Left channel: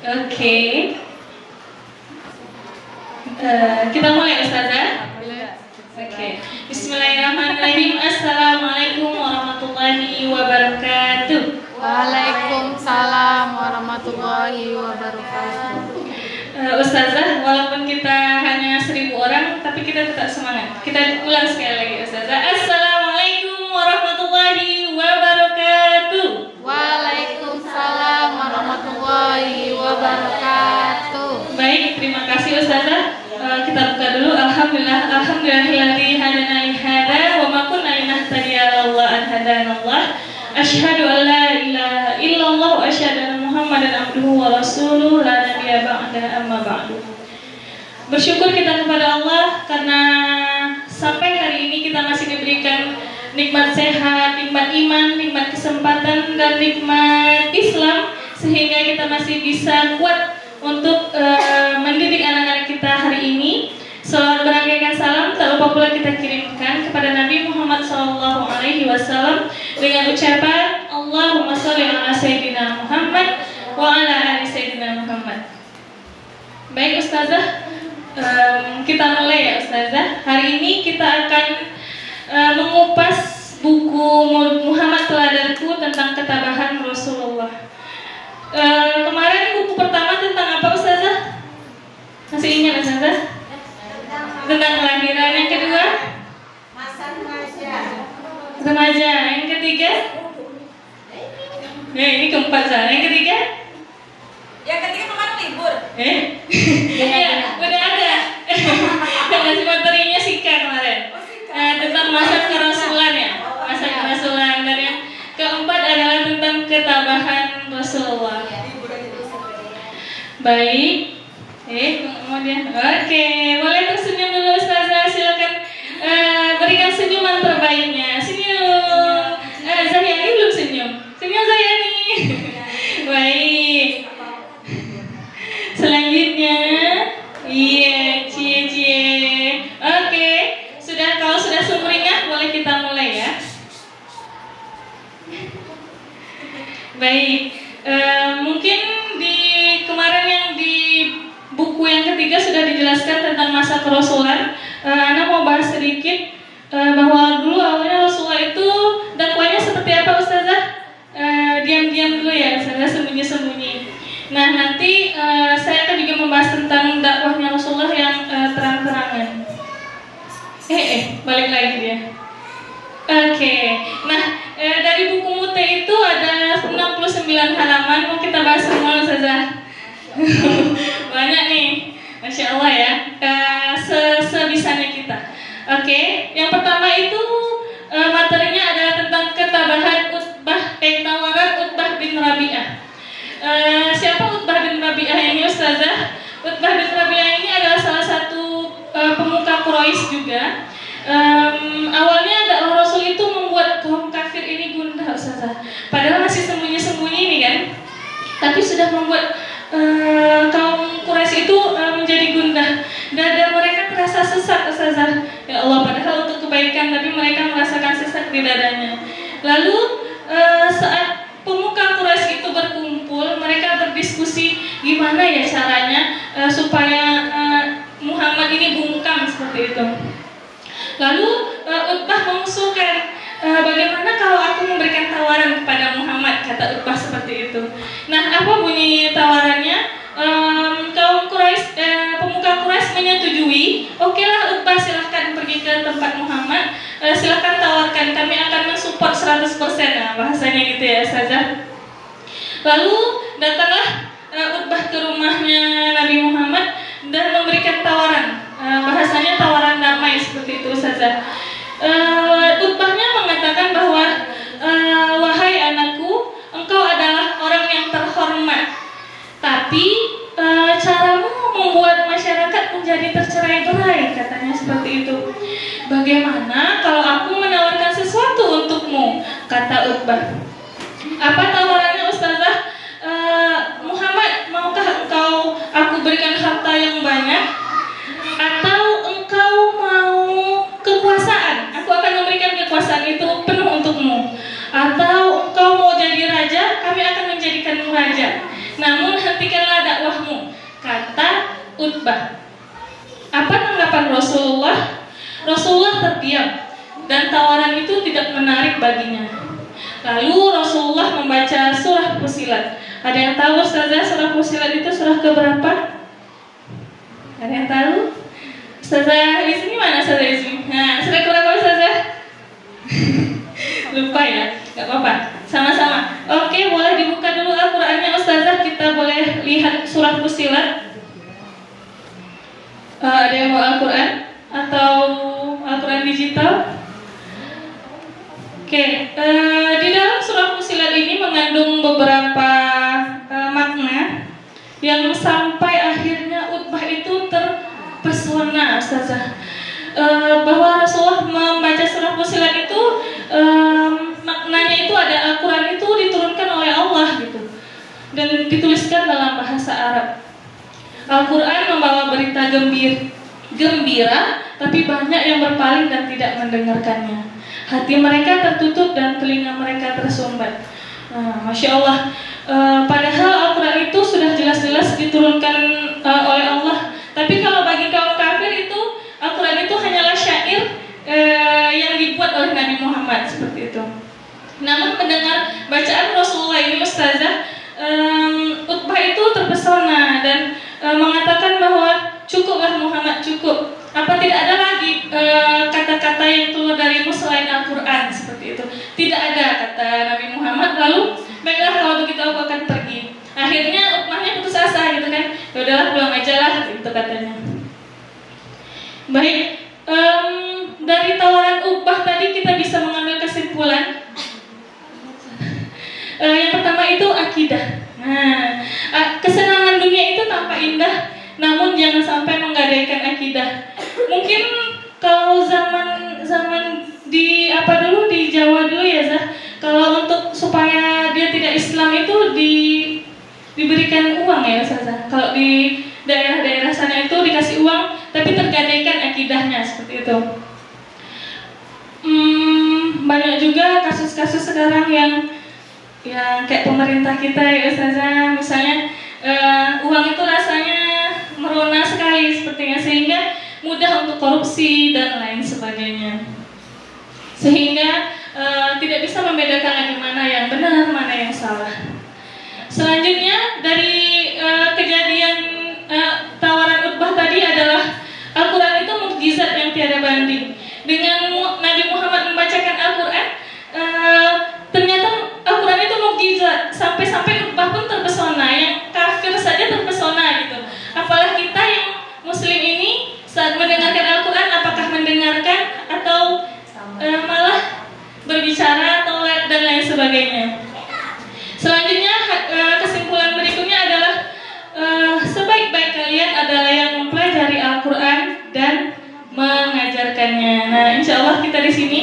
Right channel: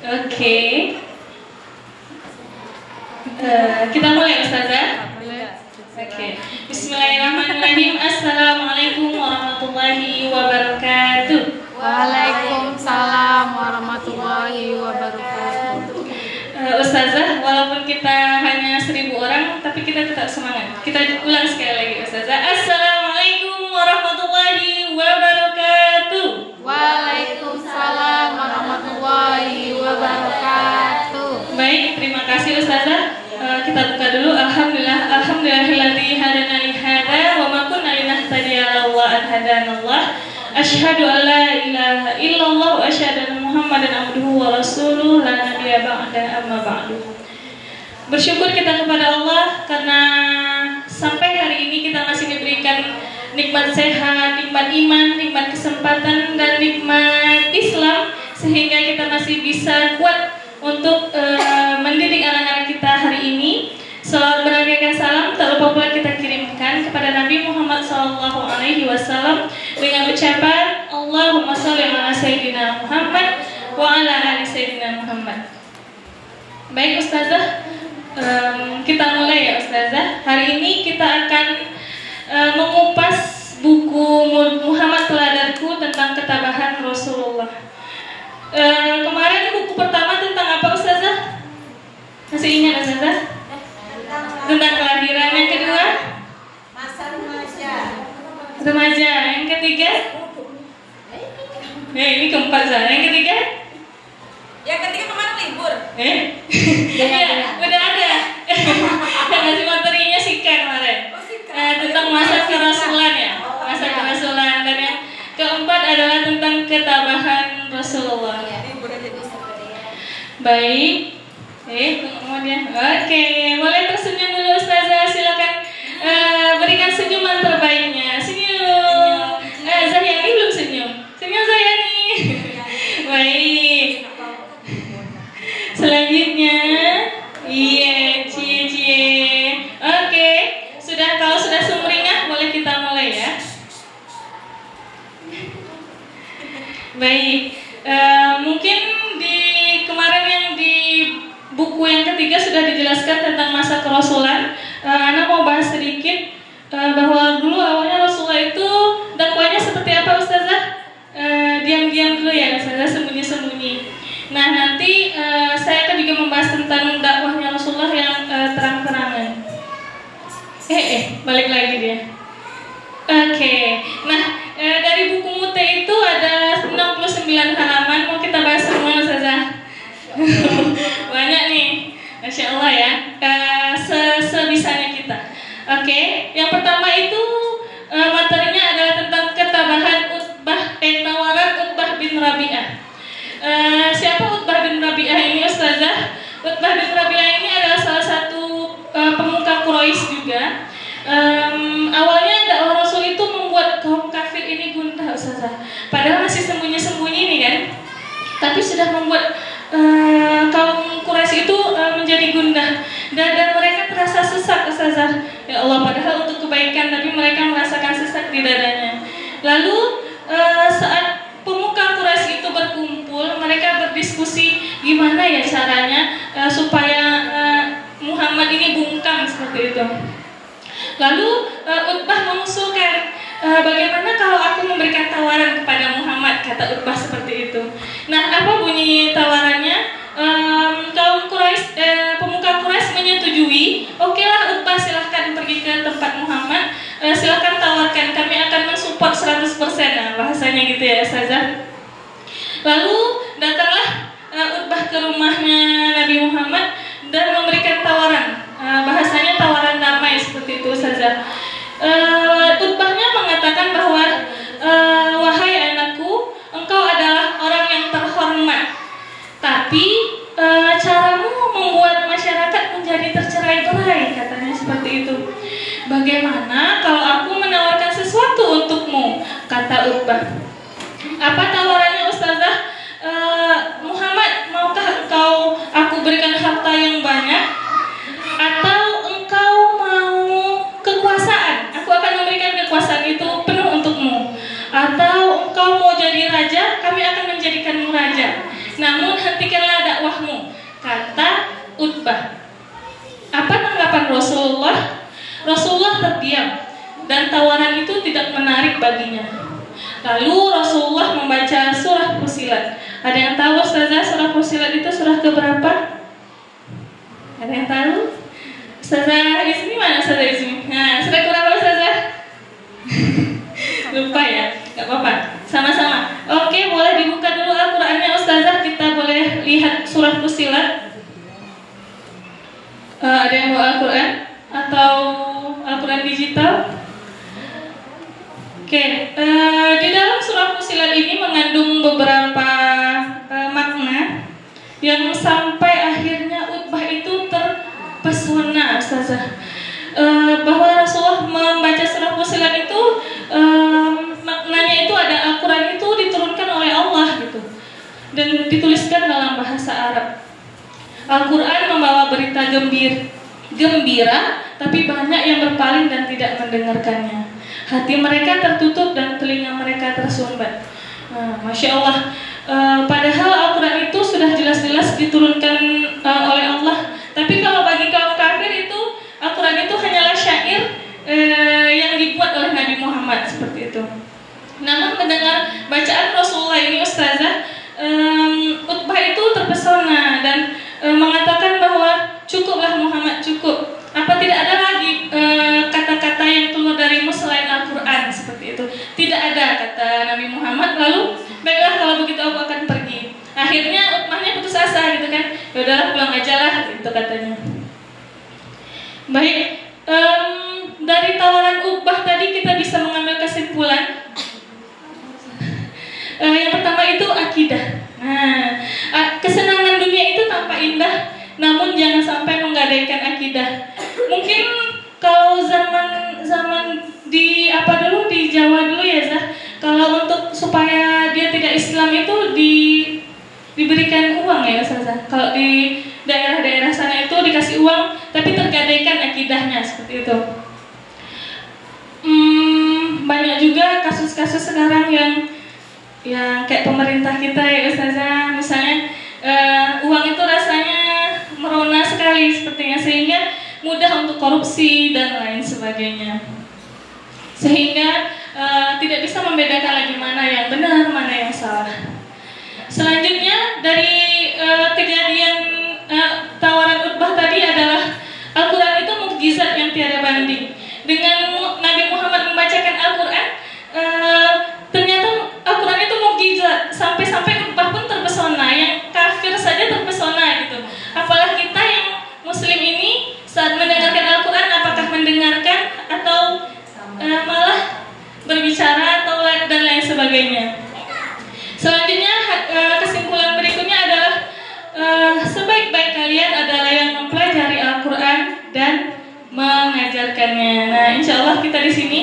Oke. Kita mulai Ustazah. Oke. Bismillahirrahmanirrahim. Assalamualaikum warahmatullahi wabarakatuh. Waalaikumsalam warahmatullahi wabarakatuh. Ustazah, walaupun kita hanya 1000 orang, tapi kita tetap semangat. Kita ulang sekali lagi Ustazah. Assalamualaikum warahmatullahi wabarakatuh. Waalaikumsalam warahmatullahi wabarakatuh. Baik, terima kasih Ustazah. Kita buka dulu. Alhamdulillahilladzi hadana li hadza wa ma kunna linahtadiya laula an hadanallah. Asyhadu an la ilaha illallah wa asyhadu anna Muhammadan abduhu wa rasuluh la nabiyya ba'da amma ba'du. Bersyukur kita kepada Allah karena sampai hari ini kita masih diberikan nikmat sehat, nikmat iman, nikmat kesempatan dan nikmat Islam sehingga kita masih bisa kuat untuk mendidik anak-anak kita hari ini. Salawat beragaikan salam tak lupa pula kita kirimkan kepada Nabi Muhammad SAW dengan ucapan Allahumma sholli ala sayyidina Muhammad wa ala ali sayyidina Muhammad. Baik Ustazah, kita mulai ya Ustazah. Hari ini kita akan mengupas buku Muhammad Teladanku tentang ketabahan Rasulullah. Kemarin buku pertama tentang apa Ustazah? Masih ingat Ustazah? Tentang kelahiran. Yang kedua? Masa remaja. Remaja. Yang ketiga? Ini keempat Zah. Yang ketiga? Yang ketiga kemarin libur. Ya, udah ada. Masih materinya sikan kemarin. Tentang masa kerasulan ya. Masa kerasulan. Dan yang keempat adalah tentang ketabahan Rasulullah. Baik. Kemudian, oke, boleh tersenyum dulu Ustazah, silakan berikan senyuman terbaiknya. Senyum. Zayani belum senyum. Senyum Zayani. Baik. Selanjutnya, cie. Oke, kalau sudah sumringah boleh kita mulai ya. Baik. Mungkin di kemarin yang di buku yang ketiga sudah dijelaskan tentang masa kerasulan. Ana mau bahas sedikit bahwa dulu awalnya Rasulullah itu dakwanya seperti apa Ustazah? Diam-diam dulu ya Ustazah, sembunyi-sembunyi. Nah nanti saya akan juga membahas tentang dakwahnya Rasulullah yang terang-terangan. Balik lagi dia. Oke. Nah dari buku Mute itu ada 69 halaman. Mau kita bahas semua Ustazah? Banyak nih, Masya Allah ya. Sebisanya kita. Oke, yang pertama itu materinya adalah tentang ketabahan tawaran Utbah bin Rabi'ah. Siapa Utbah bin Rabi'ah ini Ustazah? Utbah bin Rabi'ah ini adalah salah satu pemuka Quraisy juga. Awalnya dakwah Rasul itu membuat kaum kafir ini gundah Ustazah. Padahal masih sembunyi-sembunyi nih kan. Tapi sudah membuat kaum Quraisy itu menjadi gundah dan mereka terasa sesak Ustazah. Ya Allah, padahal untuk kebaikan tapi mereka merasakan sesak di dadanya. Lalu saat pemuka Quraisy itu berkumpul, mereka berdiskusi gimana ya caranya supaya Muhammad ini bungkam seperti itu. Lalu Utbah mengusulkan, bagaimana kalau aku memberikan tawaran kepada Muhammad, kata Utbah seperti itu. Nah, apa bunyi tawarannya? Kaum Quraisy, pemuka Quraisy menyetujui. Okelah Utbah, silahkan pergi ke tempat Muhammad, silahkan tawarkan, kami akan mensupport 100%. Nah, bahasanya gitu ya Ustazah. Lalu datanglah Utbah ke rumahnya Nabi Muhammad dan memberikan tawaran. Bahasanya tawaran damai seperti itu Ustazah. Utbahnya mengatakan bahwa wahai anakku, engkau adalah orang yang terhormat, tapi caramu membuat masyarakat menjadi tercerai-berai, katanya seperti itu. Bagaimana kalau aku menawarkan sesuatu untukmu, kata Utbah. Apa tawarannya Ustazah? Muhammad, maukah aku berikan harta yang banyak, atau engkau mau kekuasaan? Aku akan memberikan kekuasaan itu penuh untukmu. Atau engkau mau jadi raja, kami akan menjadikanmu raja. Namun hentikanlah kata Utbah. Apa tanggapan Rasulullah? Rasulullah terdiam dan tawaran itu tidak menarik baginya. Lalu Rasulullah membaca surah Fussilat. Ada yang tahu Ustazah surah Fussilat itu surah keberapa? Ada yang tahu? Ustazah di sini mana Ustazah di sini? Nah, surah keberapa Ustazah? Lupa ya, nggak apa-apa. Sama-sama. Oke, boleh dibuka dulu Al-Qur'annya Ustazah. Kita boleh lihat surah Fussilat. Ada yang mau Al-Quran atau Al-Quran digital? Oke, di dalam surah Fussilat ini mengandung beberapa makna yang sampai akhirnya Utbah itu terpesona, Ustazah. Bahwa Rasulullah membaca surah Fussilat itu maknanya itu ada Al-Quran itu diturunkan oleh Allah gitu dan dituliskan dalam bahasa Arab. Al-Quran membawa berita gembira, tapi banyak yang berpaling dan tidak mendengarkannya. Hati mereka tertutup dan telinga mereka tersumbat. Masya Allah. Padahal Al-Quran itu sudah jelas-jelas diturunkan oleh Allah. Tapi kalau bagi kaum kafir itu Al-Quran itu hanyalah syair yang dibuat oleh Nabi Muhammad seperti itu. Namun mendengar bacaan Rasulullah ini Ustazah, Utbah itu terpesona dan mengatakan bahwa cukuplah Muhammad, cukup. Apa tidak ada lagi kata-kata yang keluar darimu selain Al-Quran seperti itu? Tidak ada, kata Nabi Muhammad. Lalu baiklah kalau begitu aku akan pergi. Akhirnya Utbahnya putus asa gitu kan. Ya udahlah pulang aja lah gitu katanya. Baik, dari tawaran Utbah tadi kita bisa mengambil kesimpulan. Yang pertama itu akidah. Kesenangan dunia itu tampak indah, namun jangan sampai menggadaikan akidah. Mungkin kalau zaman di di Jawa dulu ya Zah, kalau untuk supaya dia tidak Islam itu diberikan uang ya Zah. Kalau di daerah-daerah sana itu dikasih uang, tapi tergadaikan akidahnya seperti itu. Banyak juga kasus-kasus sekarang yang kayak pemerintah kita ya Ustazah, misalnya uang itu rasanya merona sekali sepertinya, sehingga mudah untuk korupsi dan lain sebagainya, sehingga tidak bisa membedakan lagi mana yang benar, mana yang salah. Selanjutnya dari kejadian tawaran Utbah tadi adalah Al-Quran itu mukjizat yang tiada banding. Dengan Nabi Muhammad membacakan Al-Quran, ternyata Al-Quran itu mukjizat, sampai-sampai Utbah pun terpesona, yang kafir saja terpesona gitu. Apalagi kita yang Muslim ini saat mendengarkan Al-Quran, apakah mendengarkan atau malah berbicara atau dan lain sebagainya. Selanjutnya kesimpulan berikutnya adalah sebaik-baik kalian adalah yang mempelajari Al-Quran dan mengajarkannya. Nah, insya Allah kita di sini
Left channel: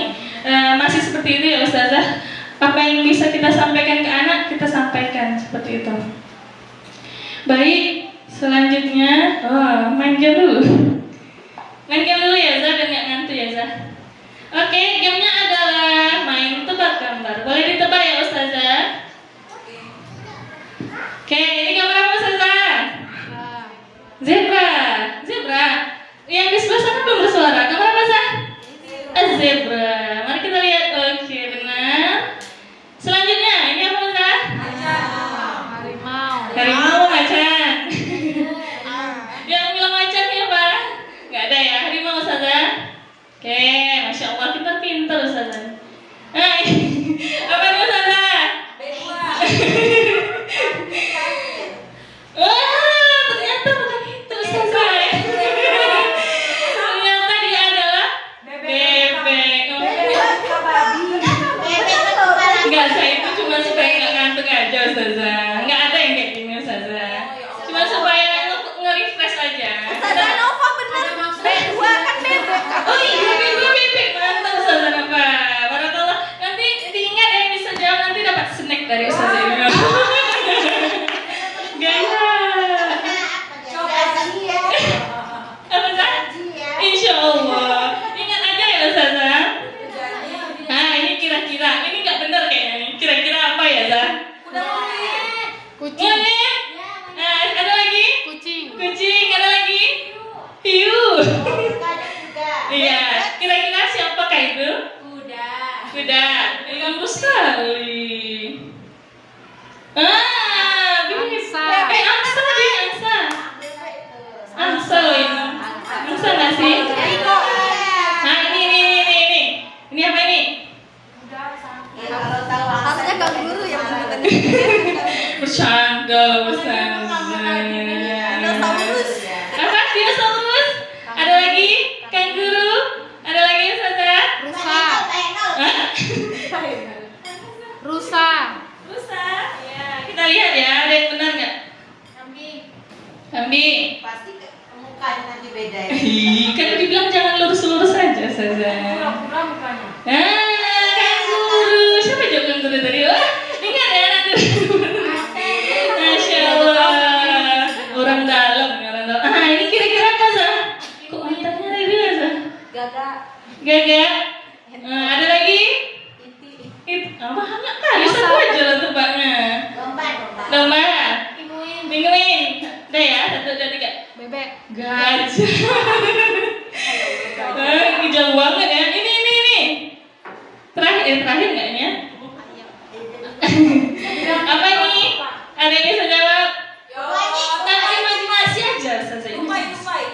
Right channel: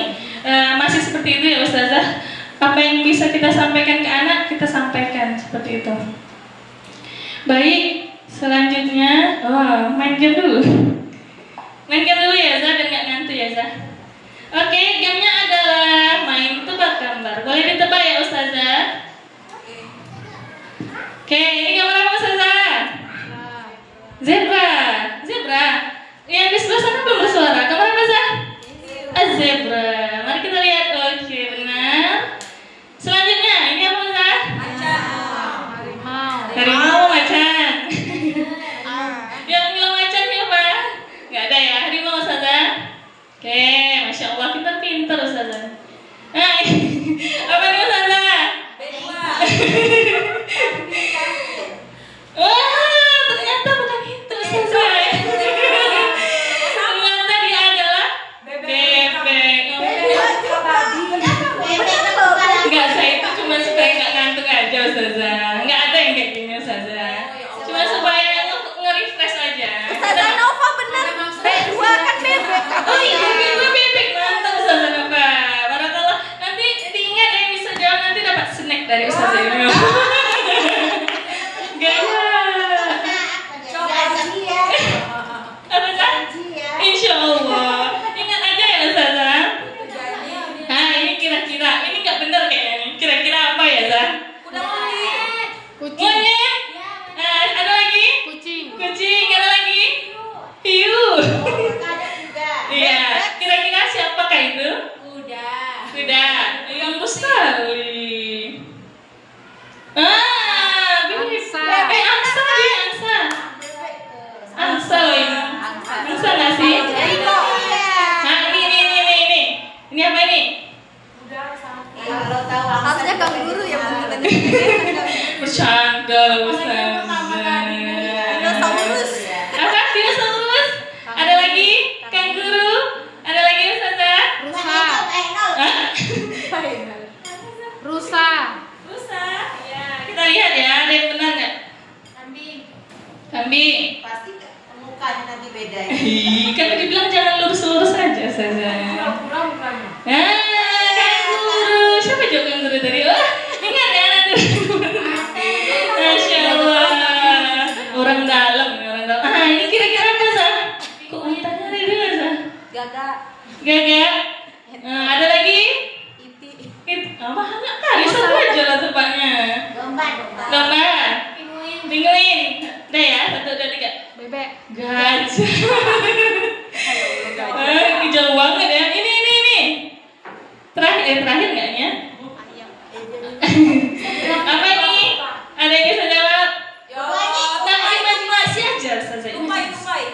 masih seperti itu ya Ustazah. Apa yang bisa kita sampaikan ke anak, kita sampaikan seperti itu. Baik, selanjutnya main game dulu. Main game dulu ya Zah, dan gak ngantuk ya Zah. Oke, gamenya adalah main tebak gambar. Boleh ditebak ya Ustazah? Oke, ini gambar apa Ustazah? Zebra. Zebra. Yang di sebelah sana belum bersuara. Gambar apa Zah? Zebra. Mari kita lihat. Oke, benar. Selanjutnya, ini apa Zah? Harimau. Harimau, macan. Yang bilang macan ya Pak? Gak ada ya, harimau Ustazah. Oke, Masya Allah, pintar-pintar Ustazah. Apa ini Ustazah? Wah, ternyata bukan itu Ustazah. Ternyata dia adalah bebek. Enggak, saya itu cuma supaya nggak ngantuk aja Ustazah. Nggak ada yang kayak gini Ustazah. Cuma supaya nge-refresh aja. Ustazah Nova bener. Berdua kan bebek. Oh iya, bebek Kambing. Pasti mukanya nanti beda ya. Kan dibilang jangan lurus-lurus saja saja. Kanguru. Siapa jawab kanguru tadi? Wah, ingat ya nanti. Masya Allah. Orang dalam. Ini kira-kira apa sah? Kok wanitanya ada di mana sah? Gagak. Ada lagi? Banyak kali. Satu aja lah tebaknya. Domba. Pinguin. Udah ya, 1, 2, 3. Bebek. Gajah. Ini jauh banget ya. Ini. Terakhir enggaknya? Apa ini? Ada yang bisa jawab? Nah, imajinasi aja saja.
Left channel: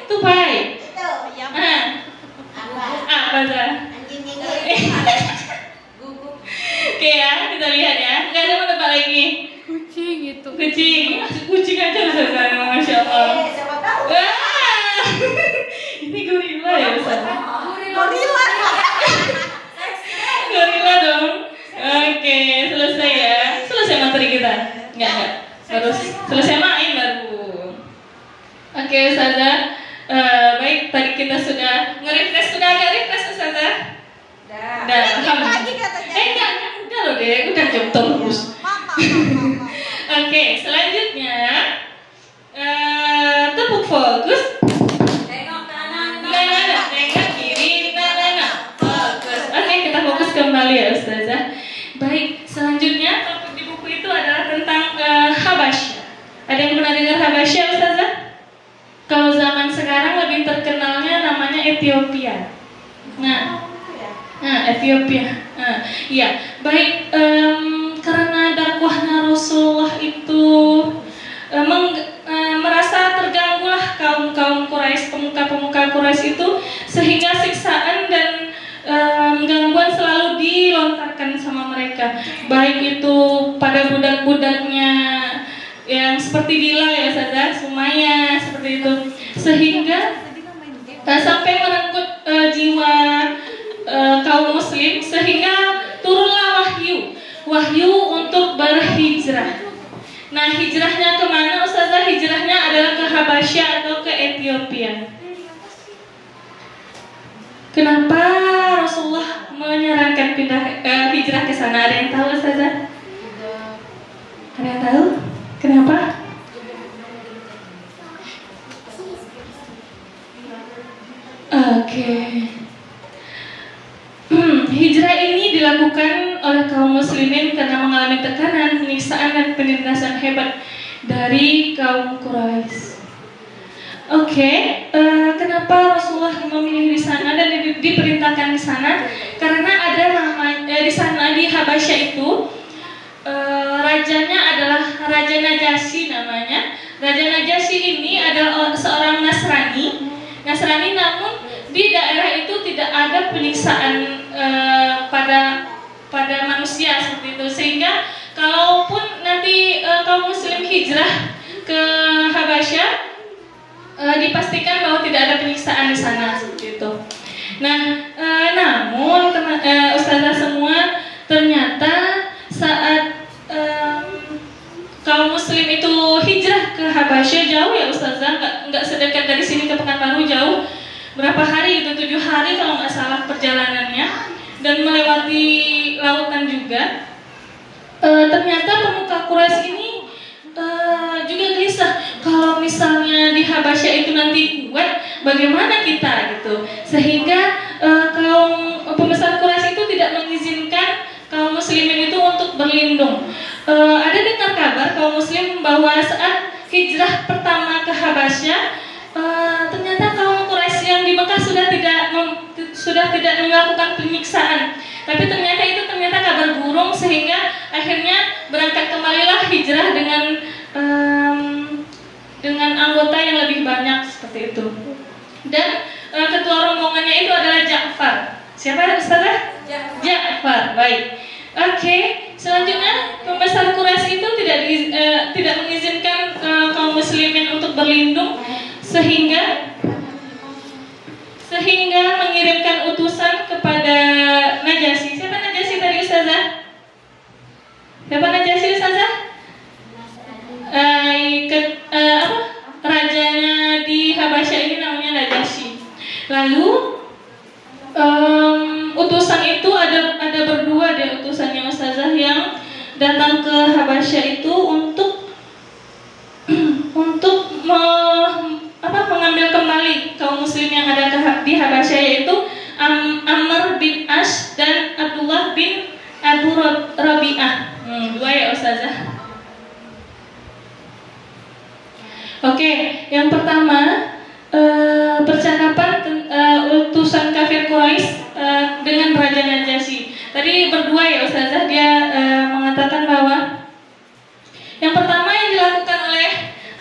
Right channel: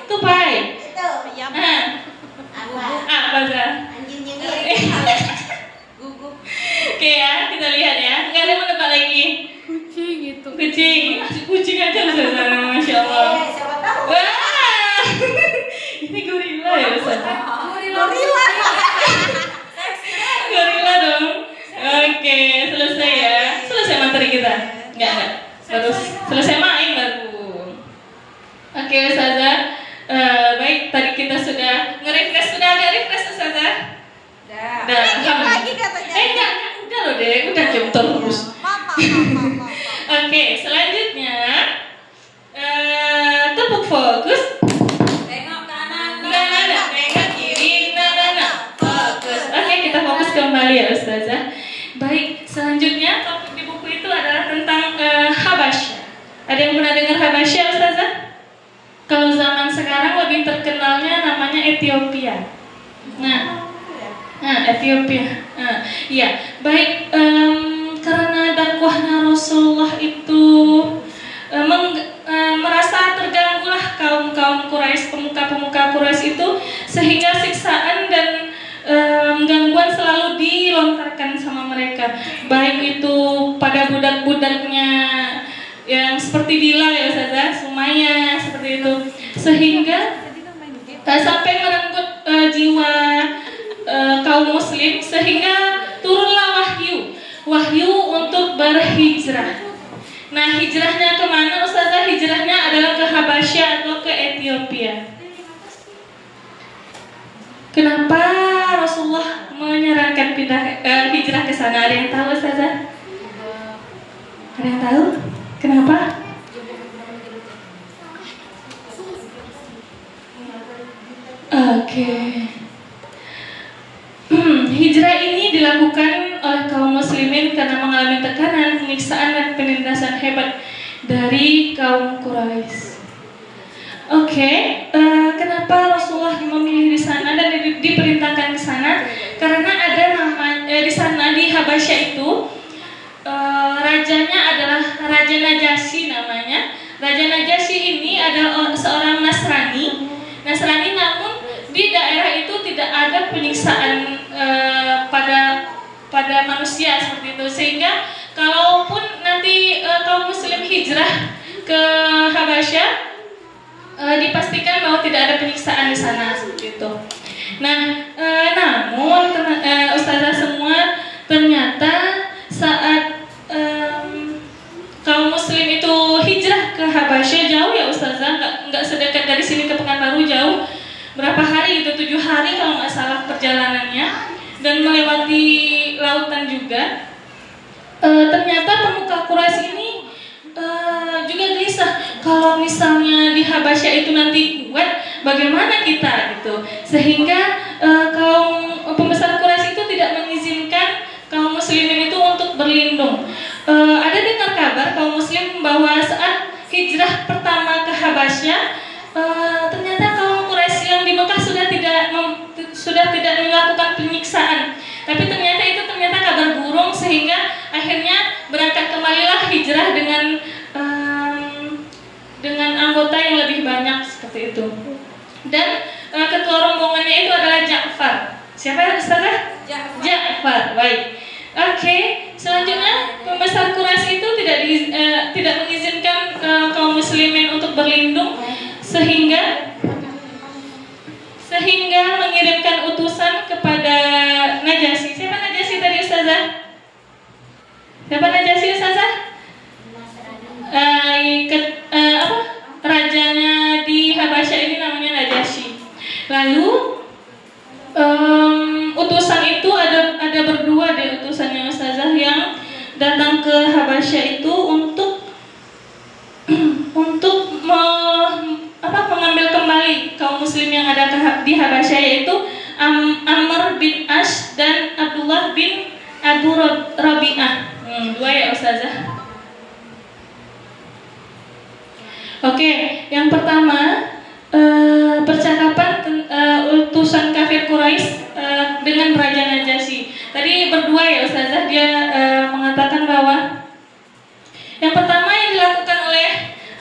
Tupai. Apa sah? Oke ya, kita lihat ya. Nggak ada mau tebak lagi. Kucing itu. Kucing aja Ustazah, Masya Allah. Wah, ini gorila ya Ustazah. Gorila dong. Oke, selesai ya. Selesai materi kita. Enggak. Terus selesai main baru. Oke Ustazah. Baik, tadi kita sudah nge-refresh. Sudah agak refresh Ustazah? Udah. Enggak. Udah loh deh, udah jam terus. Oke, selanjutnya tepuk fokus. Tengok kanan. Tengok kiri, fokus. Oke, kita fokus kembali ya Ustazah. Baik, selanjutnya topik di buku itu adalah tentang Habasyah. Ada yang pernah dengar Habasyah Ustazah? Kalau zaman sekarang lebih terkenalnya namanya Ethiopia. Ethiopia. Iya, baik. Karena dakwahnya Rasulullah itu merasa terganggulah kaum Quraisy, pemuka Quraisy itu, sehingga siksaan dan gangguan selalu dilontarkan sama mereka, baik itu pada budak-budaknya yang seperti Bila ya Ustazah, Sumayyah seperti itu, sehingga sampai merenggut jiwa kaum muslim, sehingga turunlah wahyu untuk berhijrah. Nah, hijrahnya kemana Ustazah? Hijrahnya adalah ke Habasyah atau ke Ethiopia. Kenapa Rasulullah menyarankan hijrah ke sana? Ada yang tahu Ustazah? Ada yang tahu? Kenapa? Oke. Hijrah ini dilakukan oleh kaum muslimin karena mengalami tekanan, penyiksaan, dan penindasan hebat dari kaum Quraisy. Kenapa Rasulullah memilih di sana dan diperintahkan di sana? Karena ada di sana di Habasyah itu rajanya adalah Raja Najasyi namanya. Raja Najasyi ini adalah seorang Nasrani, namun di daerah itu tidak ada penyiksaan pada manusia seperti itu, sehingga kalaupun nanti kaum muslim hijrah ke Habasyah, dipastikan bahwa tidak ada penyiksaan di sana seperti itu. Namun Ustazah semua, ternyata saat kaum muslim itu hijrah ke Habasyah, jauh ya Ustazah, nggak sedekat dari sini ke Pekanbaru, jauh. Berapa hari itu? 7 hari kalau nggak salah perjalanannya, dan melewati lautan juga. Ternyata pemuka Quraisy ini juga gelisah, kalau misalnya di Habasyah itu nanti kuat, bagaimana kita gitu. Sehingga kaum pembesar Quraisy itu tidak mengizinkan kaum muslimin itu untuk berlindung. Ada dengar kabar kaum muslim bahwa saat hijrah pertama ke Habasyah, ternyata kaum Quraisy yang di Mekah sudah tidak melakukan penyiksaan, tapi ternyata kabar burung, sehingga akhirnya berangkat kembalilah hijrah dengan anggota yang lebih banyak seperti itu. Dan ketua rombongannya itu adalah Ja'far. Siapa Ustazah? Ja'far. Baik. Selanjutnya pembesar Quraisy itu tidak mengizinkan kaum muslimin untuk berlindung, sehingga mengirimkan utusan kepada Najasyi. Siapa Najasyi tadi Ustazah? Siapa Najasyi Ustazah? Raja mengambil kembali kaum muslim yang ada di Habasyah, yaitu Amr bin Ash dan Abdullah bin Abu Rabi'ah. Dua ya Ustazah. Oke, yang pertama percakapan utusan kafir Quraisy dengan Raja Najasyi. Tadi berdua ya Ustazah, dia mengatakan bahwa yang pertama yang dilakukan oleh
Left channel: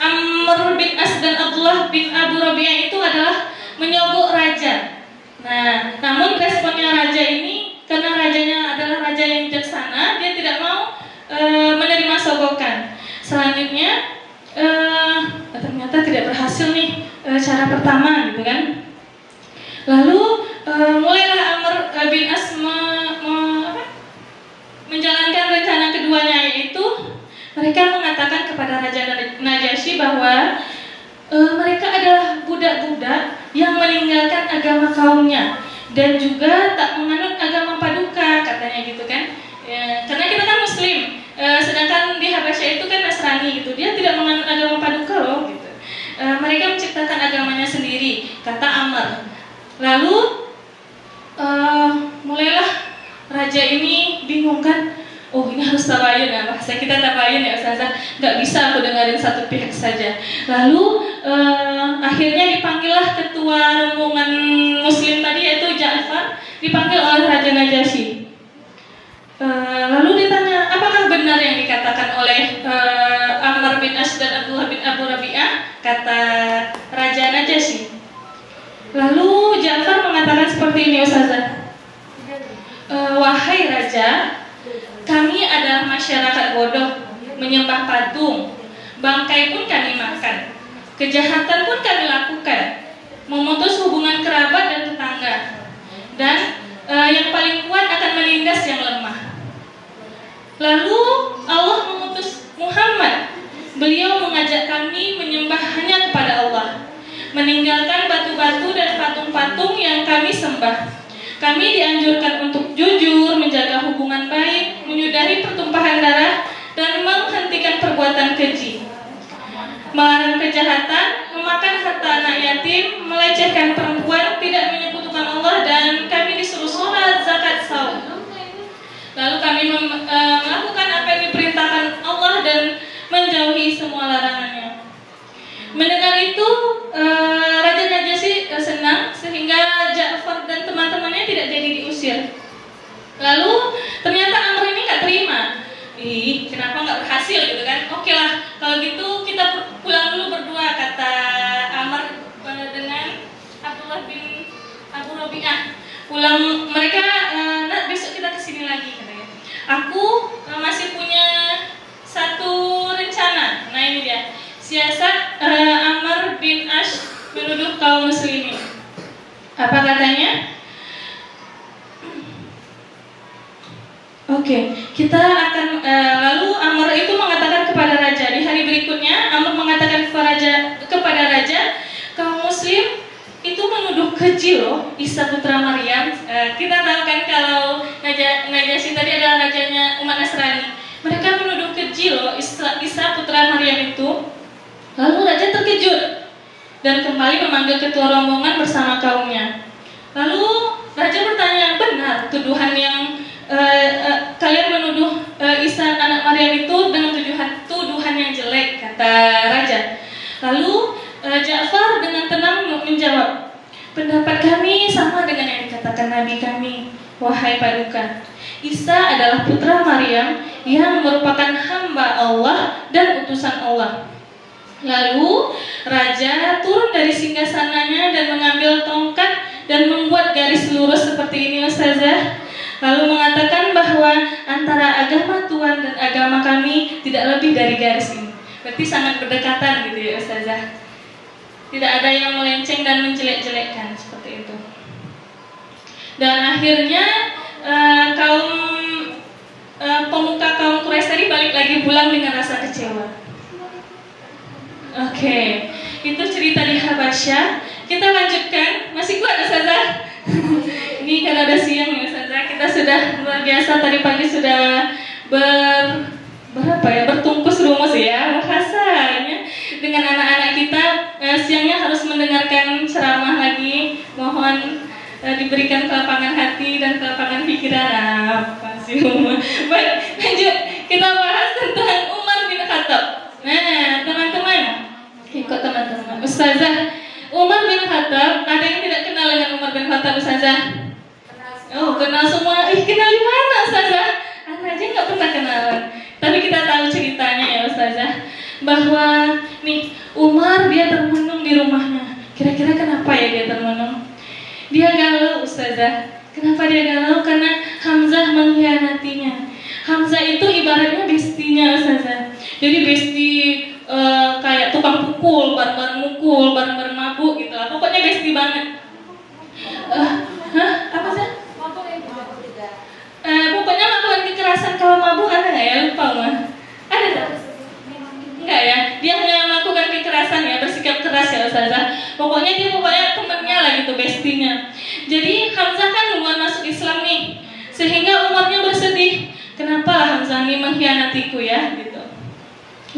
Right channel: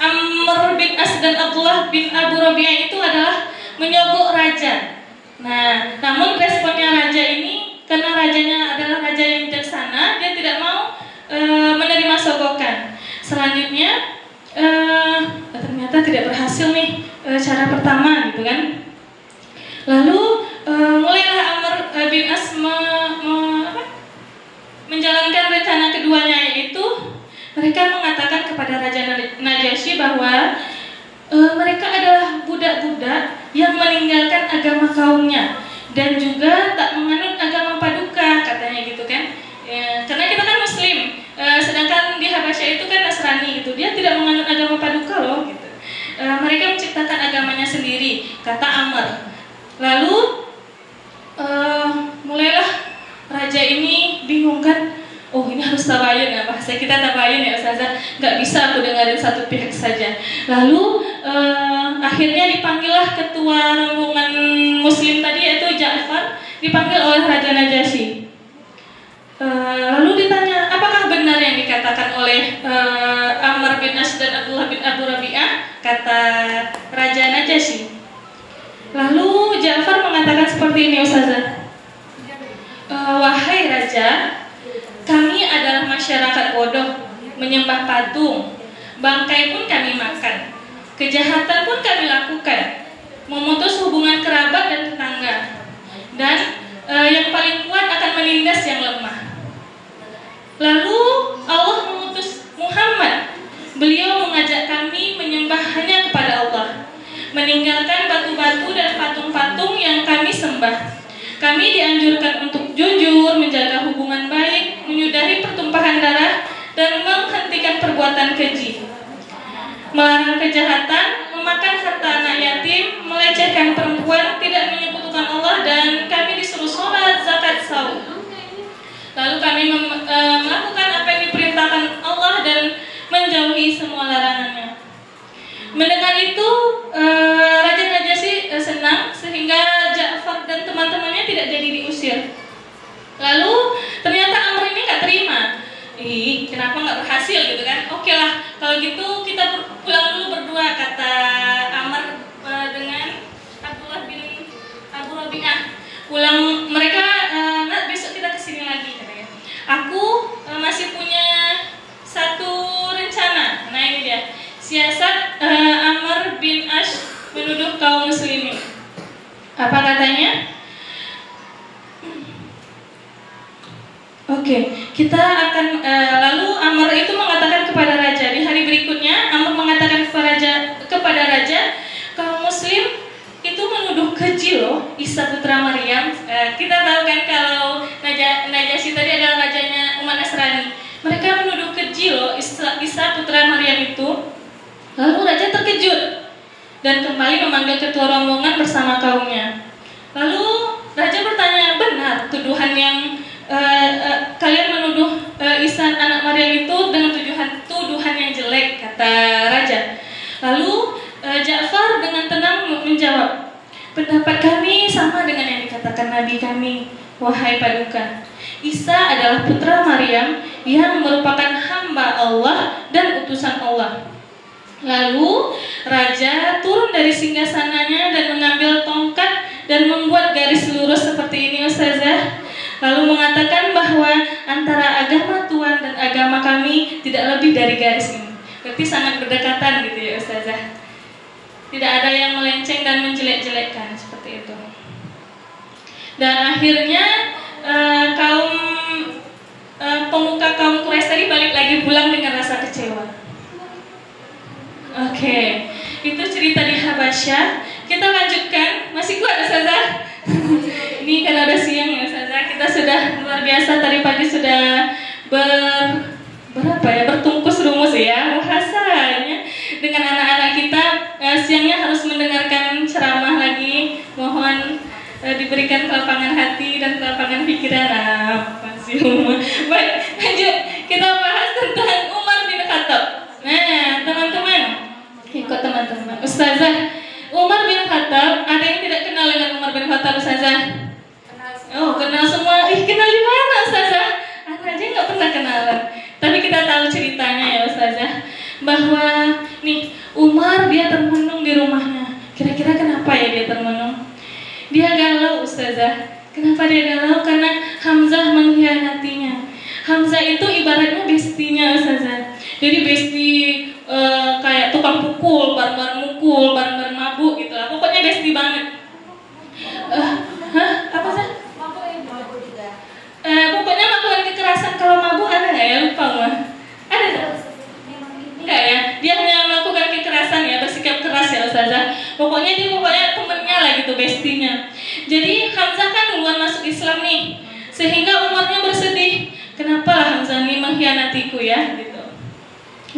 Amr bin As dan Abdullah bin Abu Rabi'ah itu adalah menyogok raja. Nah, namun responnya raja ini, karena rajanya adalah raja yang bijaksana, dia tidak mau menerima sogokan. Selanjutnya ternyata tidak berhasil nih cara pertama gitu kan. Lalu mulailah Amr bin As menjalankan rencana keduanya, yaitu mereka mengatakan kepada Raja Najasyi bahwa mereka adalah budak-budak yang meninggalkan agama kaumnya dan juga tak menganut agama paduka, katanya gitu kan. Ya, karena kita kan muslim, sedangkan di Habasyah itu kan Nasrani gitu, dia tidak menganut agama paduka loh gitu. Mereka menciptakan agamanya sendiri, kata Amr. Lalu mulailah raja ini bingung kan, oh ini harus tabayun ya, bahasa kita tabayun ya Ustazah, nggak bisa aku dengerin satu pihak saja. Lalu akhirnya dipanggillah ketua rombongan muslim tadi, yaitu Ja'far, dipanggil oleh Raja Najasyi. Lalu ditanya, apakah benar yang dikatakan oleh Amr bin As dan Abdullah bin Abu Rabi'ah, kata Raja Najasyi. Lalu Ja'far mengatakan seperti ini Ustazah, wahai Raja, kami adalah masyarakat bodoh, menyembah patung, bangkai pun kami makan, kejahatan pun kami lakukan, memutus hubungan kerabat dan tetangga, dan yang paling kuat akan menindas yang lemah. Lalu Allah mengutus Muhammad, beliau mengajak kami menyembah hanya kepada Allah, meninggalkan batu-batu dan patung-patung yang kami sembah. Kami dianjurkan untuk jujur, menjaga hubungan baik, menyudahi pertumpahan darah, dan menghentikan perbuatan keji, melarang kejahatan, memakan harta anak yatim, melecehkan perempuan, tidak menyekutukan Allah, dan kami disuruh sholat, zakat, saum. Lalu kami melakukan apa yang diperintahkan Allah dan menjauhi semua larangannya. Mendengar itu Raja Najasyi senang, sehingga Ja'far dan teman-temannya tidak jadi diusir. Lalu ternyata Amr ini nggak terima. Kenapa nggak berhasil gitu kan? Oke lah, kalau gitu kita pulang dulu berdua, kata Amr dengan Abdullah bin Abu Rabi'ah. Pulang mereka, besok kita kesini lagi katanya. Aku masih punya satu rencana. Nah ini dia, siasat Amr bin Ash menuduh kaum muslimin. Apa katanya? Oke, kita akan lalu Amr itu mengatakan kepada raja. Di hari berikutnya Amr mengatakan kepada raja, kaum muslim itu menuduh keji loh Isa putra Maryam. Kita tahu kan kalau Najasyi tadi adalah rajanya umat Nasrani. Mereka menuduh keji loh Isa putra Maryam itu. Lalu raja terkejut dan kembali memanggil ketua rombongan bersama kaumnya. Lalu raja bertanya, benar tuduhan yang kalian menuduh Isa anak Maryam itu dengan tuduhan yang jelek, kata raja. Lalu Ja'far dengan tenang menjawab, pendapat kami sama dengan yang dikatakan Nabi kami, wahai paduka. Isa adalah putra Maryam yang merupakan hamba Allah dan utusan Allah. Lalu raja turun dari singgasananya dan mengambil tongkat dan membuat garis lurus seperti ini Ustazah. Lalu mengatakan bahwa antara agama Tuhan dan agama kami tidak lebih dari garis ini. Berarti sangat berdekatan gitu ya Ustazah. Tidak ada yang melenceng dan menjelek-jelekkan seperti itu. Dan akhirnya pemuka kaum Quraisy tadi balik lagi pulang dengan rasa kecewa. Oke, itu cerita di Habasyah. Kita lanjutkan, masih kuat Ustazah? Ini kan ada siang ya Ustazah. Kita sudah luar biasa, tadi pagi sudah bertungkus rumus ya bahasanya. dengan anak-anak kita. Siangnya harus mendengarkan ceramah lagi. Mohon diberikan kelapangan hati dan kelapangan pikiran. Makasih Umar. Baik, lanjut. Kita bahas tentang Umar bin Khattab. Nah, teman-teman, ikut teman-teman. Ustazah, Umar bin Khattab, ada yang tidak kenal dengan Umar bin Khattab, Ustazah? Oh, kenal semua. Kenal di mana, Ustazah? Anak aja nggak pernah kenalan. Tapi kita tahu ceritanya ya, Ustazah, bahwa nih Umar dia termenung di rumahnya. Kira-kira kenapa ya dia termenung? Dia galau, Ustazah. Kenapa dia galau? Karena Hamzah mengkhianatinya. Hamzah itu ibaratnya bestinya, Ustazah. Jadi besti kayak tukang pukul, bareng-bareng mukul, bareng-bareng mabuk gitu lah. Pokoknya besti banget. Apa sih? Pokoknya melakukan kekerasan. Kalau mabuk ada nggak ya? Lupa mah. Ada nggak? Enggak ya. Dia hanya melakukan kekerasan ya, bersikap keras ya, Ustazah. Pokoknya temennya lah gitu, bestinya. Jadi Hamzah kan duluan masuk Islam nih, sehingga Umarnya bersedih. Kenapa Hamzah ini mengkhianatiku ya? Gitu.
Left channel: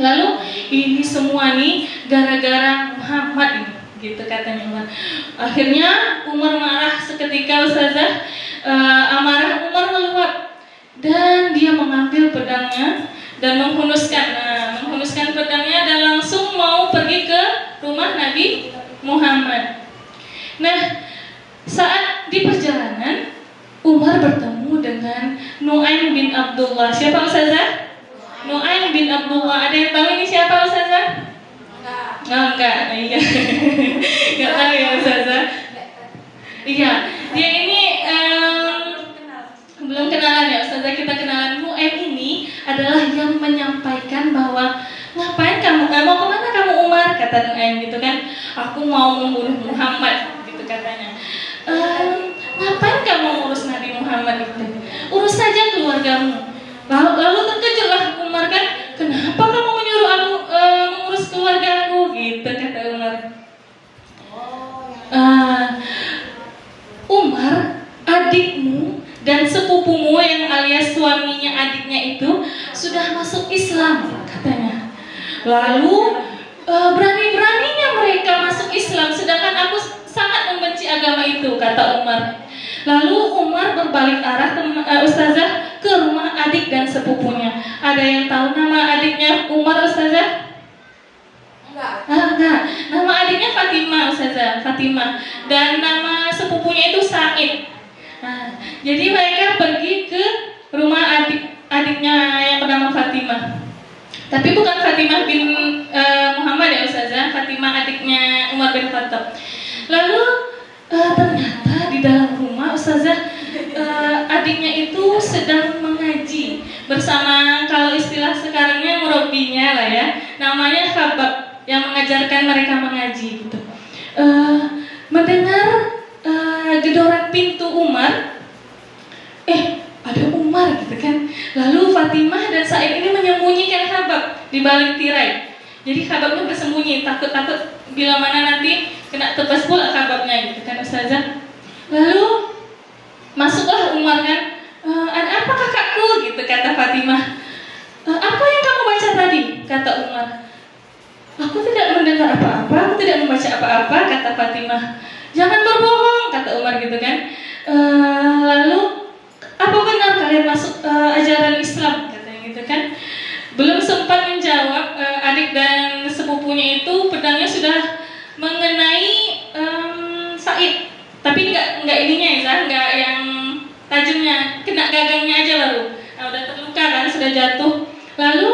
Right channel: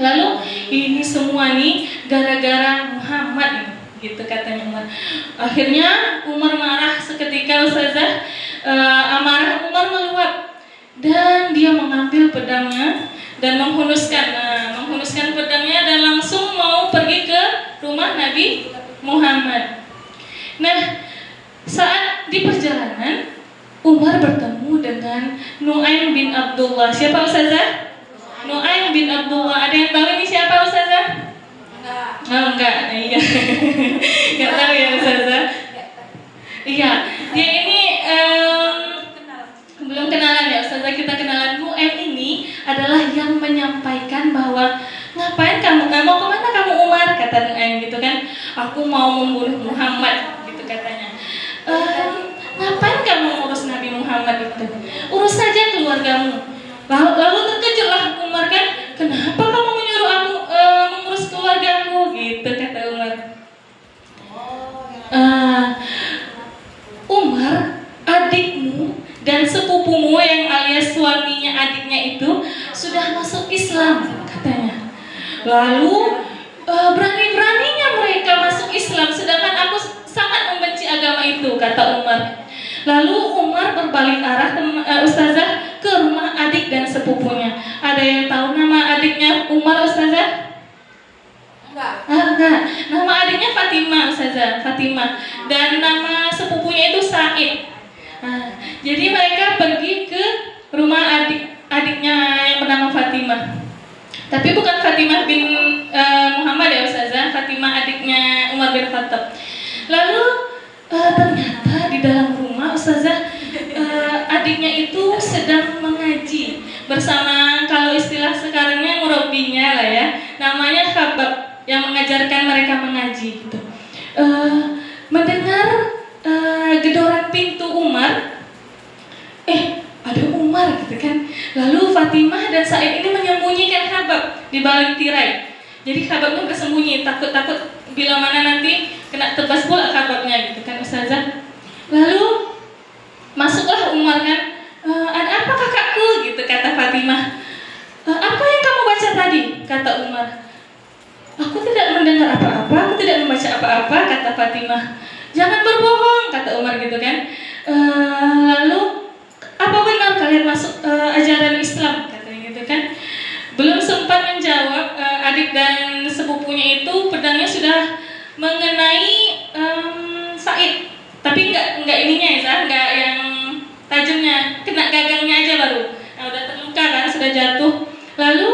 Lalu ini semua nih gara-gara Muhammad ini, gitu katanya Umar. Akhirnya Umar marah seketika, Ustazah. Amarah Umar meluap dan dia mengambil pedangnya dan menghunuskan pedangnya dan langsung mau pergi ke rumah Nabi Muhammad. Nah, saat di perjalanan Umar bertemu dengan Nu'aim bin Abdullah. Siapa, Ustazah? Nu'aim bin Abdullah. Ada yang tahu ini siapa, Ustazah? Enggak. Iya. Enggak tahu ya, Ustazah. Iya, dia ini belum kenalan ya, Ustazah. Kita kenalan. Nu'aim ini adalah yang menyampaikan bahwa ngapain kamu, mau kemana kamu Umar? Kata Nu'aim gitu kan. Aku mau membunuh Muhammad, gitu katanya. Ngapain kamu ngurus Nabi Muhammad itu? Urus saja keluargamu. Lalu terkejutlah Umar kan, kenapa kamu menyuruh aku mengurus keluargamu? Gitu kata Umar. Umar, adikmu dan sepupumu yang alias suaminya adiknya itu sudah masuk Islam katanya. Lalu berani-beraninya mereka masuk Islam, sedangkan aku sangat membenci agama itu, kata Umar. Lalu Umar berbalik arah Ustazah ke rumah adik dan sepupunya. Ada yang tahu nama adiknya Umar, Ustazah? Enggak. Nama adiknya Fatimah, Ustazah, Fatimah. Dan nama sepupunya itu Said. Jadi mereka pergi ke rumah adiknya yang bernama Fatimah. Tapi bukan Fatimah bin Muhammad ya, Ustazah, Fatimah adiknya Umar bin Khattab. Lalu ternyata di dalam rumah, Ustazah, adiknya itu sedang mengaji bersama, kalau istilah sekarangnya murabinya lah ya, namanya Khabab, yang mengajarkan mereka mengaji gitu. Mendengar gedoran pintu Umar, ada Umar gitu kan. Lalu Fatimah dan Said ini menyembunyikan Khabab di balik tirai. Jadi Khababnya bersembunyi, takut bila mana nanti kena tebas pula Khababnya gitu kan, Ustazah. Lalu masuklah Umar kan, ada apa kakakku? Gitu kata Fatimah. Apa yang kamu baca tadi? Kata Umar. Aku tidak mendengar apa-apa, aku tidak membaca apa-apa, kata Fatimah. Jangan berbohong, kata Umar gitu kan. Lalu apa benar kalian masuk ajaran Islam? Katanya gitu kan. Belum sempat menjawab, adik dan sepupunya itu pedangnya sudah mengenai Said. Tapi enggak ininya ya, enggak yang tajamnya, kena gagangnya aja baru. Nah, udah terluka kan, sudah jatuh. Lalu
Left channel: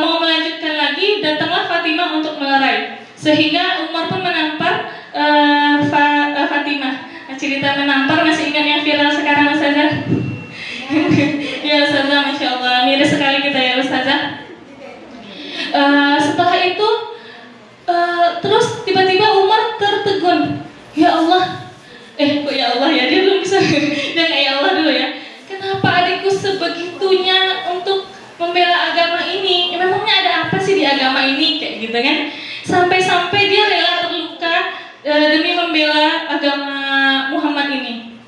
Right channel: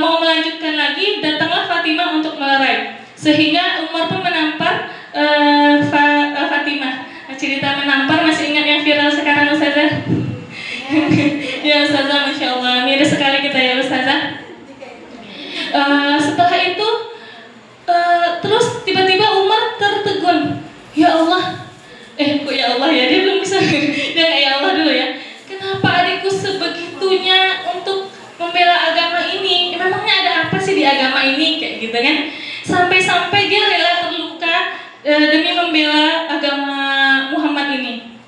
mau melanjutkan lagi, datanglah Fatimah untuk melerai. Sehingga Umar pun menampar Fatimah. Cerita menampar masih ingat yang viral sekarang, Ustazah? Ya, Ustazah, Masya Allah, mirip sekali kita ya, Ustazah. Setelah itu terus tiba-tiba Umar tertegun. Ya Allah, kok ya Allah ya, dia belum bisa. Dia nggak ya Allah dulu ya. Kenapa adikku sebegitunya untuk membela agama ini? Memangnya ada apa sih di agama ini? Kayak gitu kan. Sampai-sampai dia rela terluka demi membela agama Muhammad ini.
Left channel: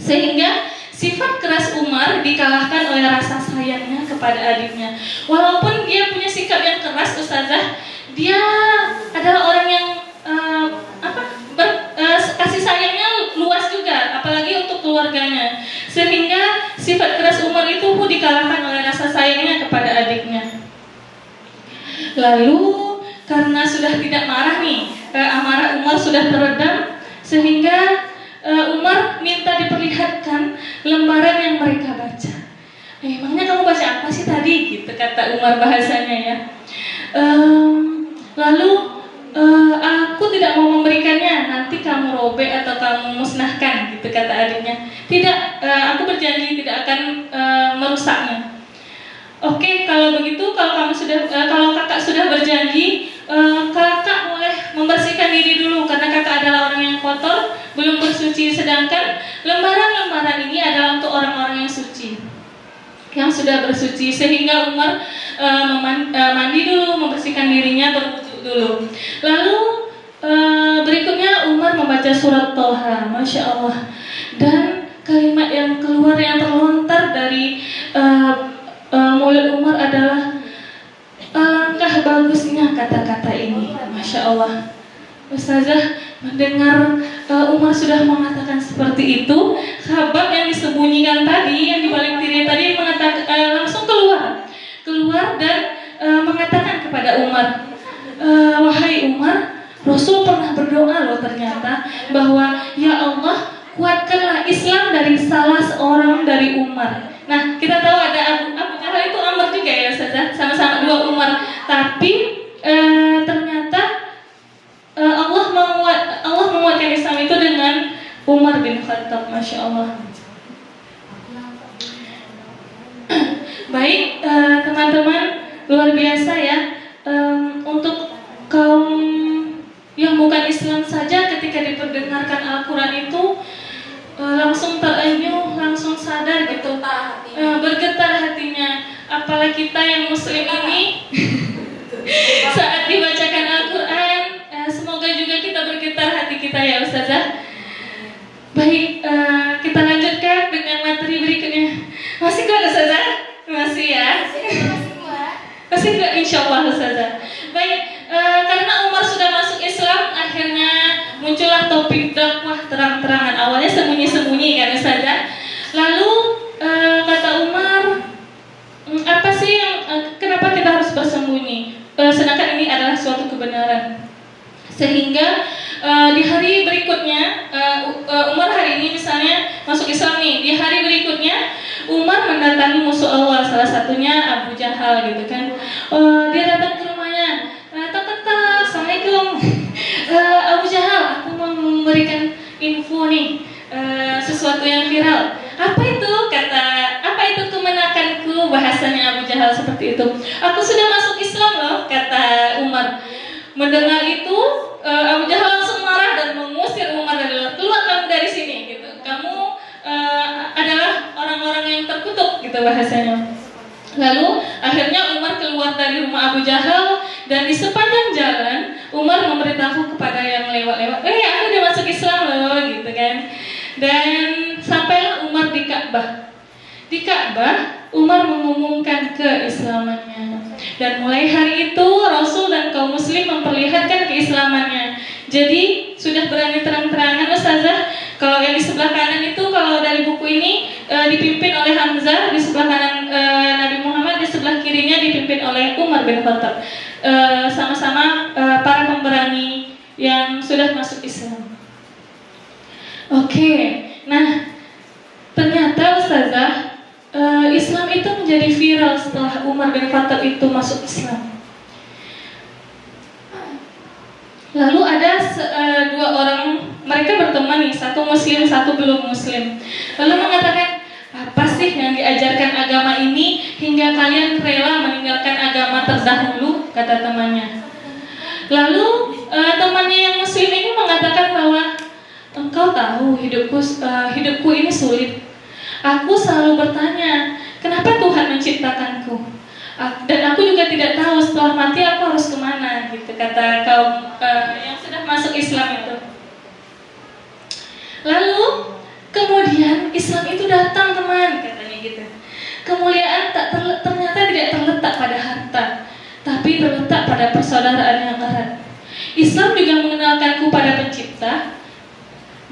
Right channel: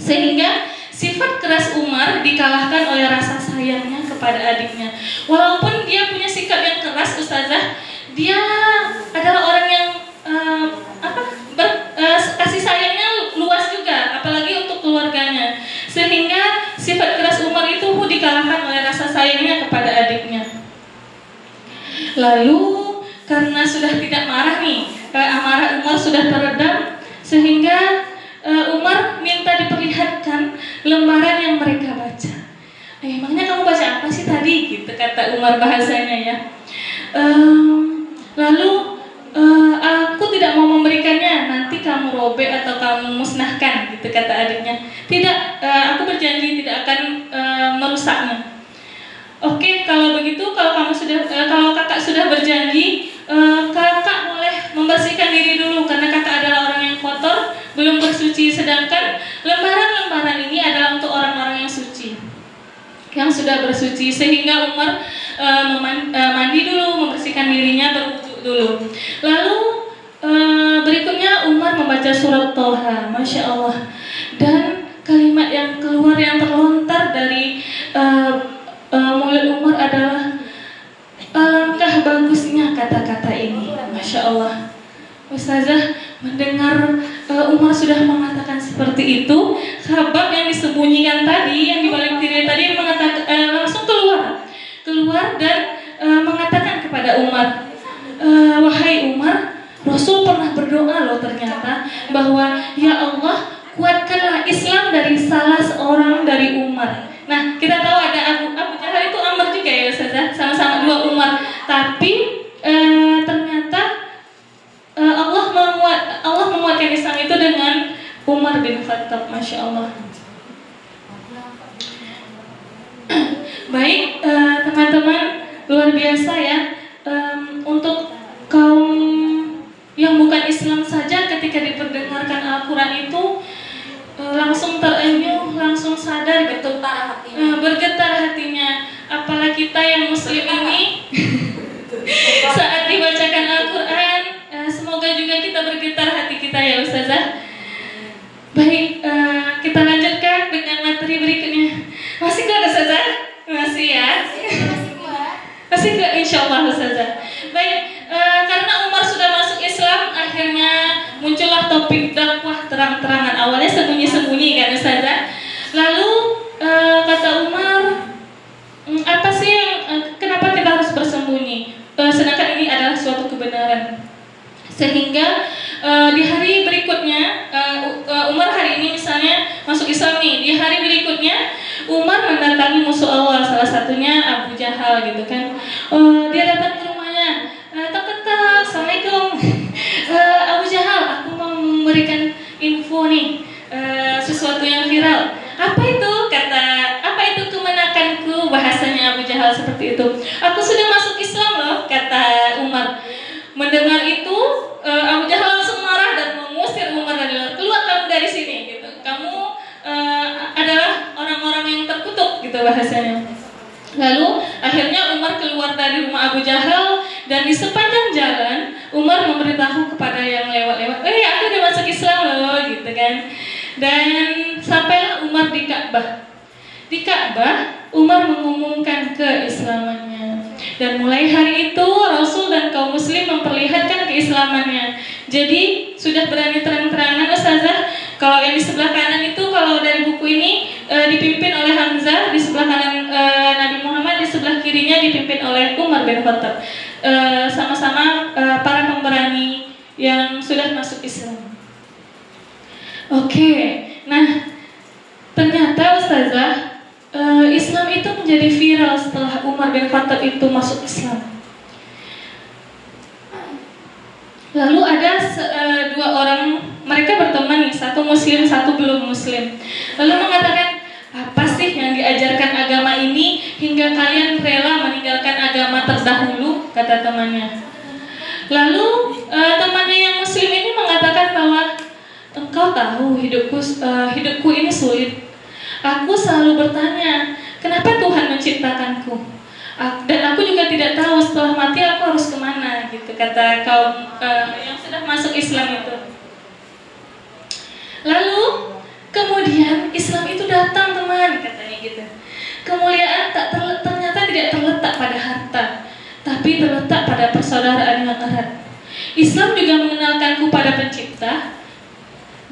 Sehingga sifat keras Umar dikalahkan oleh rasa sayangnya kepada adiknya. Walaupun dia punya sikap yang keras, Ustazah, dia adalah orang yang kasih sayangnya luas juga, apalagi untuk keluarganya, sehingga sifat keras Umar itu dikalahkan oleh rasa sayangnya kepada adiknya. Lalu karena sudah tidak marah nih, amarah Umar sudah teredam, sehingga Umar minta diperlihatkan lembaran yang mereka baca. Emangnya kamu baca apa sih tadi? Gitu kata Umar bahasanya ya. Lalu aku tidak mau memberikannya, nanti kamu robek atau kamu musnahkan, gitu kata adiknya. Tidak, aku berjanji tidak akan merusaknya. Oke, kalau begitu, kalau kakak sudah berjanji, kakak boleh membersihkan diri dulu karena kakak adalah orang yang kotor, belum bersuci. Sedangkan lembaran-lembaran ini adalah untuk orang-orang yang suci, yang sudah bersuci. Sehingga Umar mandi dulu, membersihkan dirinya, berwudu dulu. Lalu berikutnya Umar membaca surat Thaha, Masya Allah. Dan kalimat yang keluar, yang terlontar dari mulut Umar adalah alangkah bagusnya kata-kata ini, Masya Allah. Ustazah mendengar Umar sudah mengatakan seperti itu, Khabbab yang disembunyikan tadi, yang dibalik diri tadi mengatakan, langsung keluar dan mengatakan kepada Umar, wahai Umar, Rasul pernah berdoa loh ternyata bahwa ya Allah, kuatkanlah Islam dari salah seorang dari Umar. Nah, kita tahu ada Abu Jahal itu Amr juga ya Ustazah, sama-sama dua Umar. Tapi ternyata Allah menguatkan Islam itu dengan Umar bin Khattab, Masya Allah. Baik, teman-teman, luar biasa ya. Untuk kaum yang bukan Islam saja ketika diperdengarkan Al-Quran itu langsung terenyuh, langsung sadar gitu, bergetar hatinya. Apalagi kita yang Muslim ini saat dibacakan Al-Quran, semoga juga kita bergetar hati kita ya Ustazah. Baik, kita lanjutkan dengan materi berikutnya. Masih kuat Ustazah? Masih ya? Masih kuat insya Allah Ustazah. Baik, karena Umar sudah masuk Islam, akhirnya muncullah topik dakwah terang-terangan. Awalnya sembunyi-sembunyi kan Ustazah. Lalu kata Umar, apa sih yang kenapa kita harus bersembunyi? Sedangkan ini adalah suatu kebenaran. Sehingga di hari berikutnya, Umar hari ini misalnya masuk Islam nih, di hari berikutnya Umar mendatangi musuh Allah, salah satunya Abu Jahal gitu kan. Dia datang ke rumahnya, tak, Assalamualaikum, Abu Jahal, aku mau memberikan info nih, sesuatu yang viral. Apa itu? Kata, apa itu kemenakanku? Bahasanya Abu Jahal seperti itu. Aku sudah masuk Islam loh, kata Umar. Mendengar itu, Abu Jahal langsung marah dan mengusir Umar dari luar. Keluar kamu dari sini, gitu. Kamu adalah orang-orang yang terkutuk, gitu bahasanya. Lalu akhirnya Umar keluar dari rumah Abu Jahal dan di sepanjang jalan Umar memberitahu kepada yang lewat-lewat, aku udah masuk Islam loh, gitu kan. Dan sampailah Umar di Ka'bah. Di Ka'bah Umar mengumumkan keislamannya. Dan mulai hari itu Rasul dan kaum muslim memperlihatkan keislamannya. Jadi sudah berani terang-terangan Ustazah. Kalau yang di sebelah kanan itu, kalau dari buku ini dipimpin oleh Hamzah, di sebelah kanan Nabi Muhammad, di sebelah kirinya dipimpin oleh Umar bin Khattab. Sama-sama para pemberani yang sudah masuk Islam. Oke, nah ternyata Ustazah, Islam itu menjadi viral setelah Umar bin Khattab itu masuk Islam. Lalu ada dua orang, mereka berteman nih, satu muslim, satu belum muslim. Lalu mengatakan, apa sih yang diajarkan agama ini hingga kalian rela meninggalkan agama terdahulu, kata temannya. Lalu temannya yang muslim ini mengatakan bahwa engkau tahu hidupku ini sulit. Aku selalu bertanya, kenapa Tuhan menciptakanku? Dan aku juga tidak tahu setelah mati aku harus kemana, gitu kata kaum yang sudah masuk Islam itu. Lalu kemudian Islam itu datang teman, katanya gitu. Kemuliaan ternyata tidak terletak pada harta, tapi terletak pada persaudaraan yang erat. Islam juga mengenalkanku pada Pencipta,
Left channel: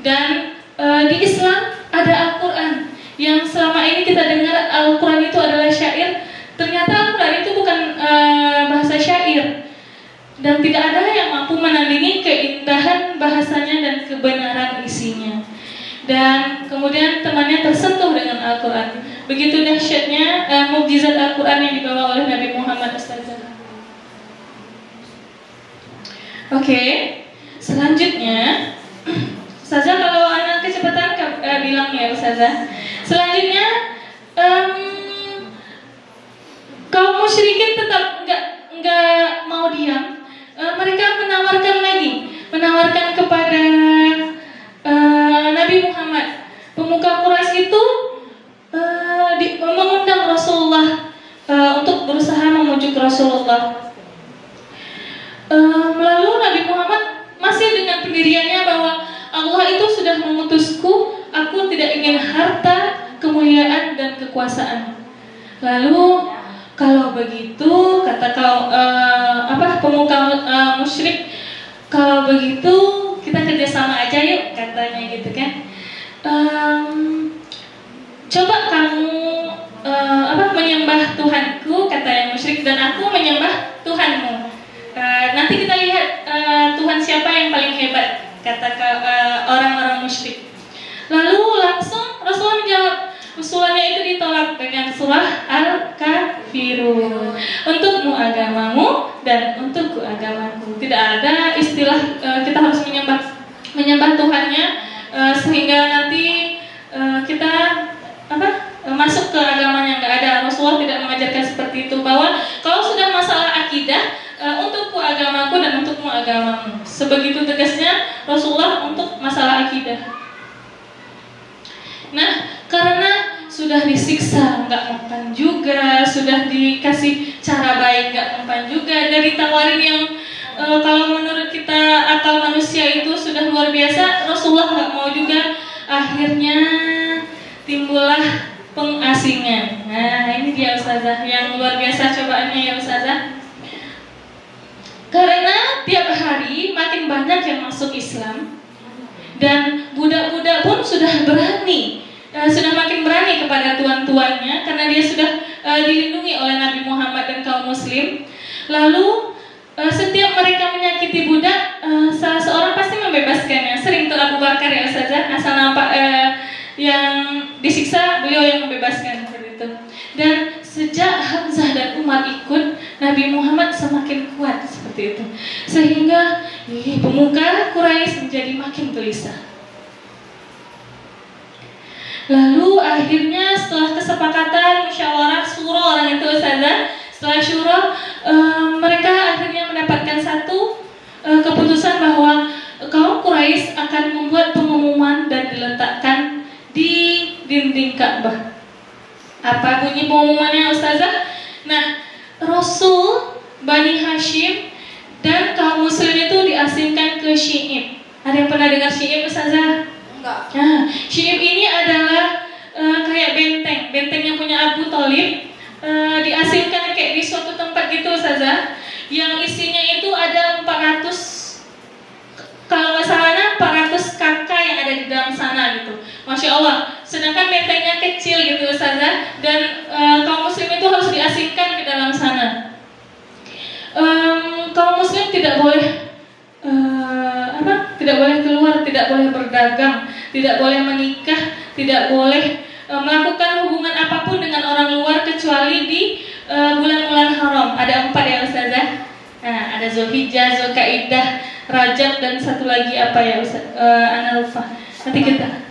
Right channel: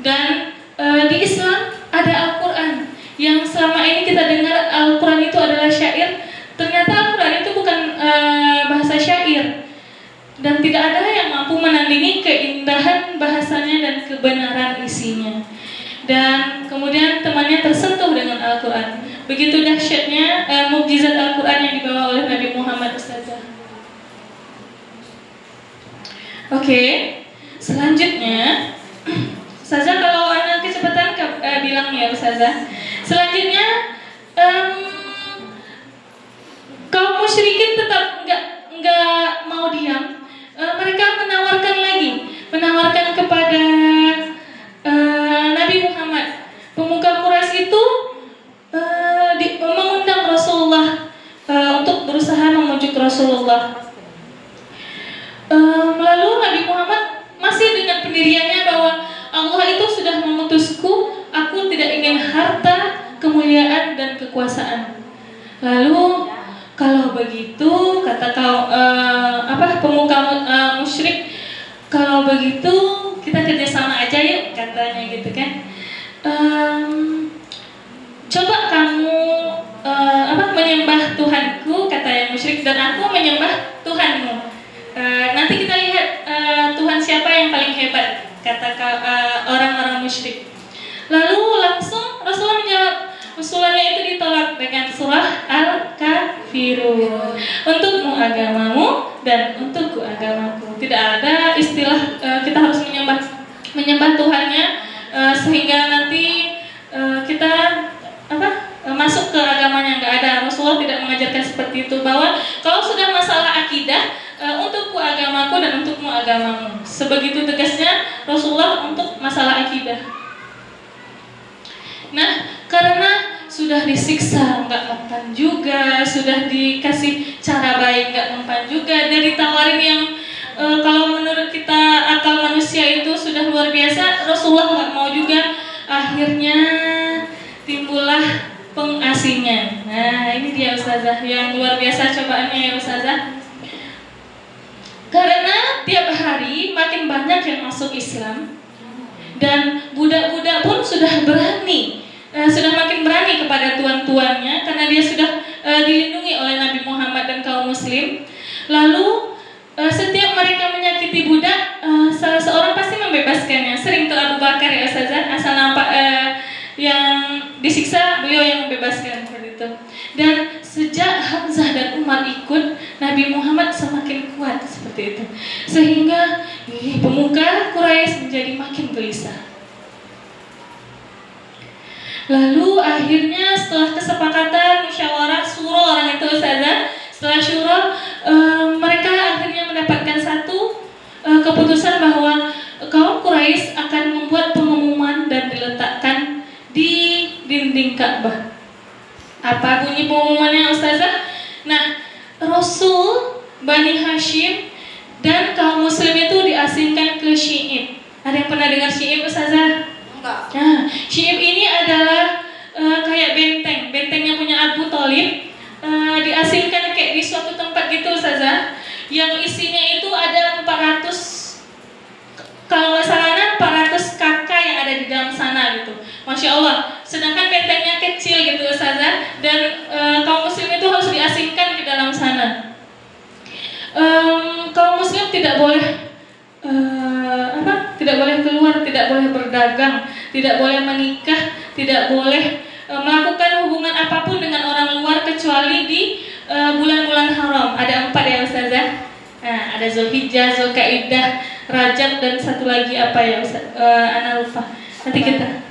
dan di Islam ada Al-Quran. Yang selama ini kita dengar Al-Quran itu adalah syair, ternyata Al-Quran itu bukan bahasa syair, dan tidak ada yang mampu menandingi keindahan bahasanya dan kebenaran isinya. Dan kemudian temannya tersentuh dengan Al-Quran. Begitu dahsyatnya mukjizat Al-Quran yang dibawa oleh Nabi Muhammad Ustazah. Oke, selanjutnya Ustazah, kalau anak kecepatan bilang ya Ustazah. Selanjutnya kaum musyrikin tetap nggak mau diam. Mereka menawarkan kepada Nabi Muhammad. Pemuka Quraisy itu mengundang Rasulullah untuk berusaha memujuk Rasulullah. Lalu Nabi Muhammad masih dengan pendiriannya bahwa Allah itu sudah memutusku, aku tidak ingin harta, kemuliaan dan kekuasaan. Lalu kalau begitu, kata pemuka musyrik, kalau begitu kita kerjasama aja yuk, katanya gitu kan. Coba kamu menyembah Tuhanku, kata yang musyrik, dan aku menyembah Tuhanmu. Nanti kita lihat Tuhan siapa yang paling hebat, kata orang-orang musyrik. Lalu langsung Rasulullah menjawab. Usulannya itu ditolak dengan surah Al-Kafirun. Untukmu agamamu dan untukku agamaku. Tidak ada istilah kita harus menyembah Tuhannya sehingga nanti kita masuk ke agamanya. Nggak ada. Rasulullah tidak mengajarkan seperti itu, bahwa kalau sudah masalah akidah, untukku agamaku dan untukmu agamamu. Sebegitu tegasnya Rasulullah untuk masalah akidah. Nah, karena sudah disiksa nggak mempan juga, sudah dikasih cara baik nggak mempan juga, dari tawarin yang kalau menurut kita akal manusia itu sudah luar biasa, Rasulullah nggak mau juga. Akhirnya timbullah pengasingan. Nah, ini dia Ustazah yang luar biasa cobaannya ya Ustazah. Karena tiap hari makin banyak yang masuk Islam, dan budak-budak pun sudah makin berani kepada tuan-tuannya, karena dia sudah dilindungi oleh Nabi Muhammad dan kaum muslim. Lalu setiap mereka menyakiti budak, salah seorang pasti membebaskannya. Sering tuh Abu Bakar ya Ustazah, asal nampak yang disiksa, beliau yang membebaskan seperti itu. Dan sejak Hamzah dan Umar ikut, Nabi Muhammad semakin kuat seperti itu, sehingga pemuka Quraisy menjadi makin gelisah. Lalu akhirnya setelah kesepakatan musyawarah syura orang itu Ustazah, setelah syura mereka akhirnya mendapatkan satu keputusan bahwa kaum Quraisy akan membuat pengumuman dan diletakkan di dinding Ka'bah. Apa bunyi pengumumannya Ustazah? Nah, Rasul Bani Hashim dan kaum muslim itu diasingkan ke Syi'ib. Ada yang pernah dengar Syi'ib Ustazah? Enggak. Nah, Syi'ib ini adalah kayak bentengnya punya Abu Thalib, diasingkan kayak di suatu tempat gitu Ustazah, yang isinya itu ada 400, kalau nggak salahnya 400 kakak yang ada di dalam sana gitu. Masya Allah. Sedangkan bentengnya kecil gitu Ustazah, dan kaum muslim itu harus diasingkan ke dalam sana. Kaum muslim tidak boleh tidak boleh keluar, tidak boleh berdagang, tidak boleh menikah, tidak boleh melakukan hubungan apapun dengan orang luar kecuali di bulan-bulan haram. Ada 4 ya Ustazah. Nah, ada Zulhijjah, Zulkaidah, Rajab, dan satu lagi apa ya Ustaz? Ana lupa. Nanti kita.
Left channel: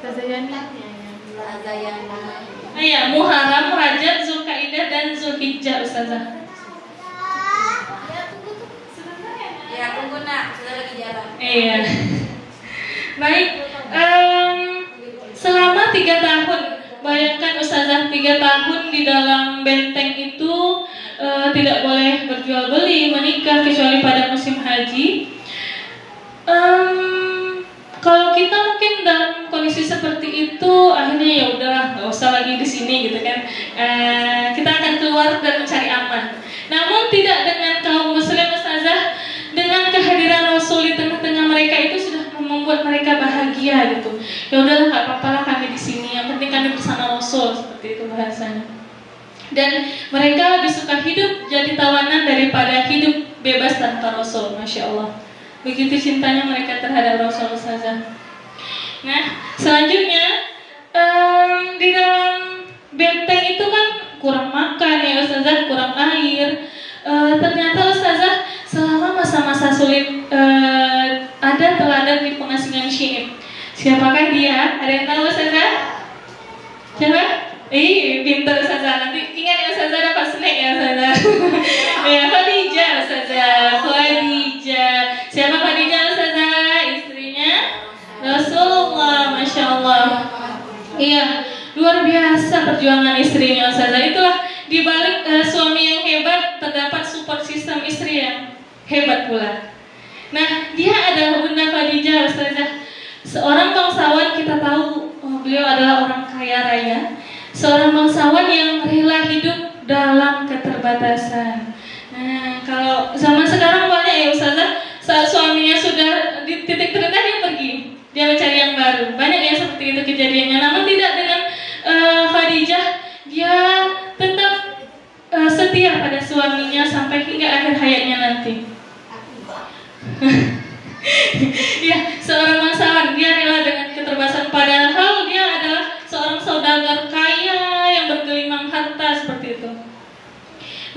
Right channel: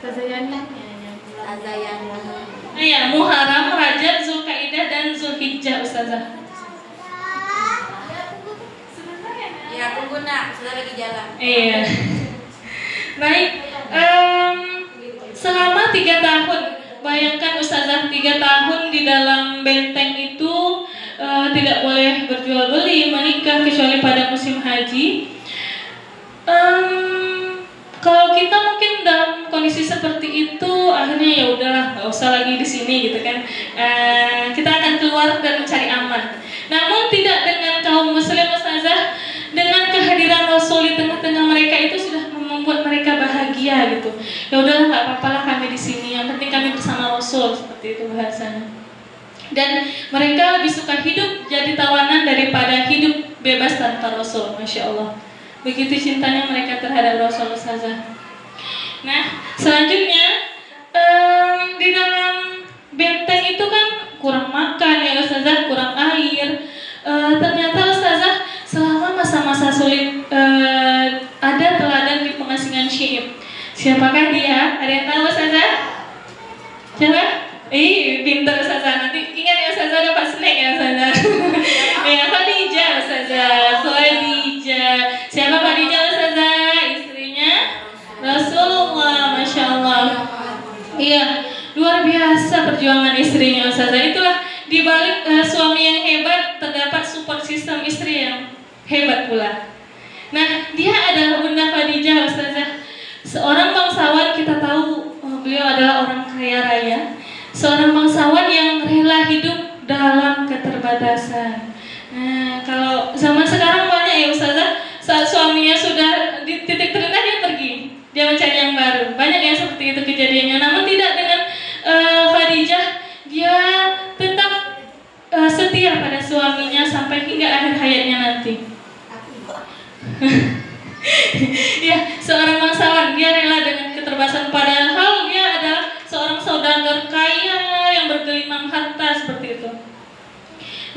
Ustazah Yani. Ya, Muharram, Rajab, Zulkaidah, dan Zulhijjah Ustazah. Ya, tunggu nak, sudah lagi jalan. Iya. Baik. Selama 3 tahun, bayangkan Ustazah, 3 tahun di dalam benteng itu tidak boleh berjual beli, menikah kecuali pada musim haji. Kalau kita mungkin dalam kondisi seperti itu, akhirnya ya udahlah, nggak usah usah lagi di sini gitu kan. Kita akan keluar dan mencari aman. Namun tidak dengan kaum muslim ustazah, dengan kehadiran Rasul di tengah-tengah mereka itu sudah membuat mereka bahagia gitu. Ya udahlah, nggak apa-apa lah kami di sini, yang penting kami bersama Rasul, seperti itu bahasanya. Dan mereka lebih suka hidup jadi tawanan daripada hidup bebas tanpa Rasul, masya Allah. Begitu cintanya mereka terhadap Rasul ustazah. Nah, selanjutnya di dalam benteng itu kan kurang makan ya ustazah, kurang air. Ternyata ustazah selama masa-masa sulit ada teladan di pengasingan Syi'ib. Siapakah dia? Ada yang tahu ustazah? Siapa? Pintar ustazah. Nanti ingat ya ustazah, dapat snack ya ustazah. Ya, Khadijah ustazah. Khadijah. Siapa Khadijah ustazah? Istrinya Rasulullah, masya Allah. Iya, luar biasa perjuangan istrinya ustazah. Itulah di balik suami yang hebat terdapat support system istri yang hebat pula. Nah, dia adalah Bunda Khadijah ustazah. Seorang bangsawan, kita tahu beliau adalah orang kaya raya. Seorang bangsawan yang rela hidup dalam keterbatasan. Nah, kalau zaman sekarang banyak ya ustazah, saat suaminya sudah di titik terendah dia pergi, dia mencari yang baru. Banyak yang seperti itu kejadiannya. Namun tidak dengan Khadijah, dia tetap setia pada suaminya sampai hingga akhir hayatnya nanti. Ya, seorang bangsawan, dia rela dengan keterbatasan, padahal dia adalah seorang saudagar kaya yang bergelimang harta seperti itu.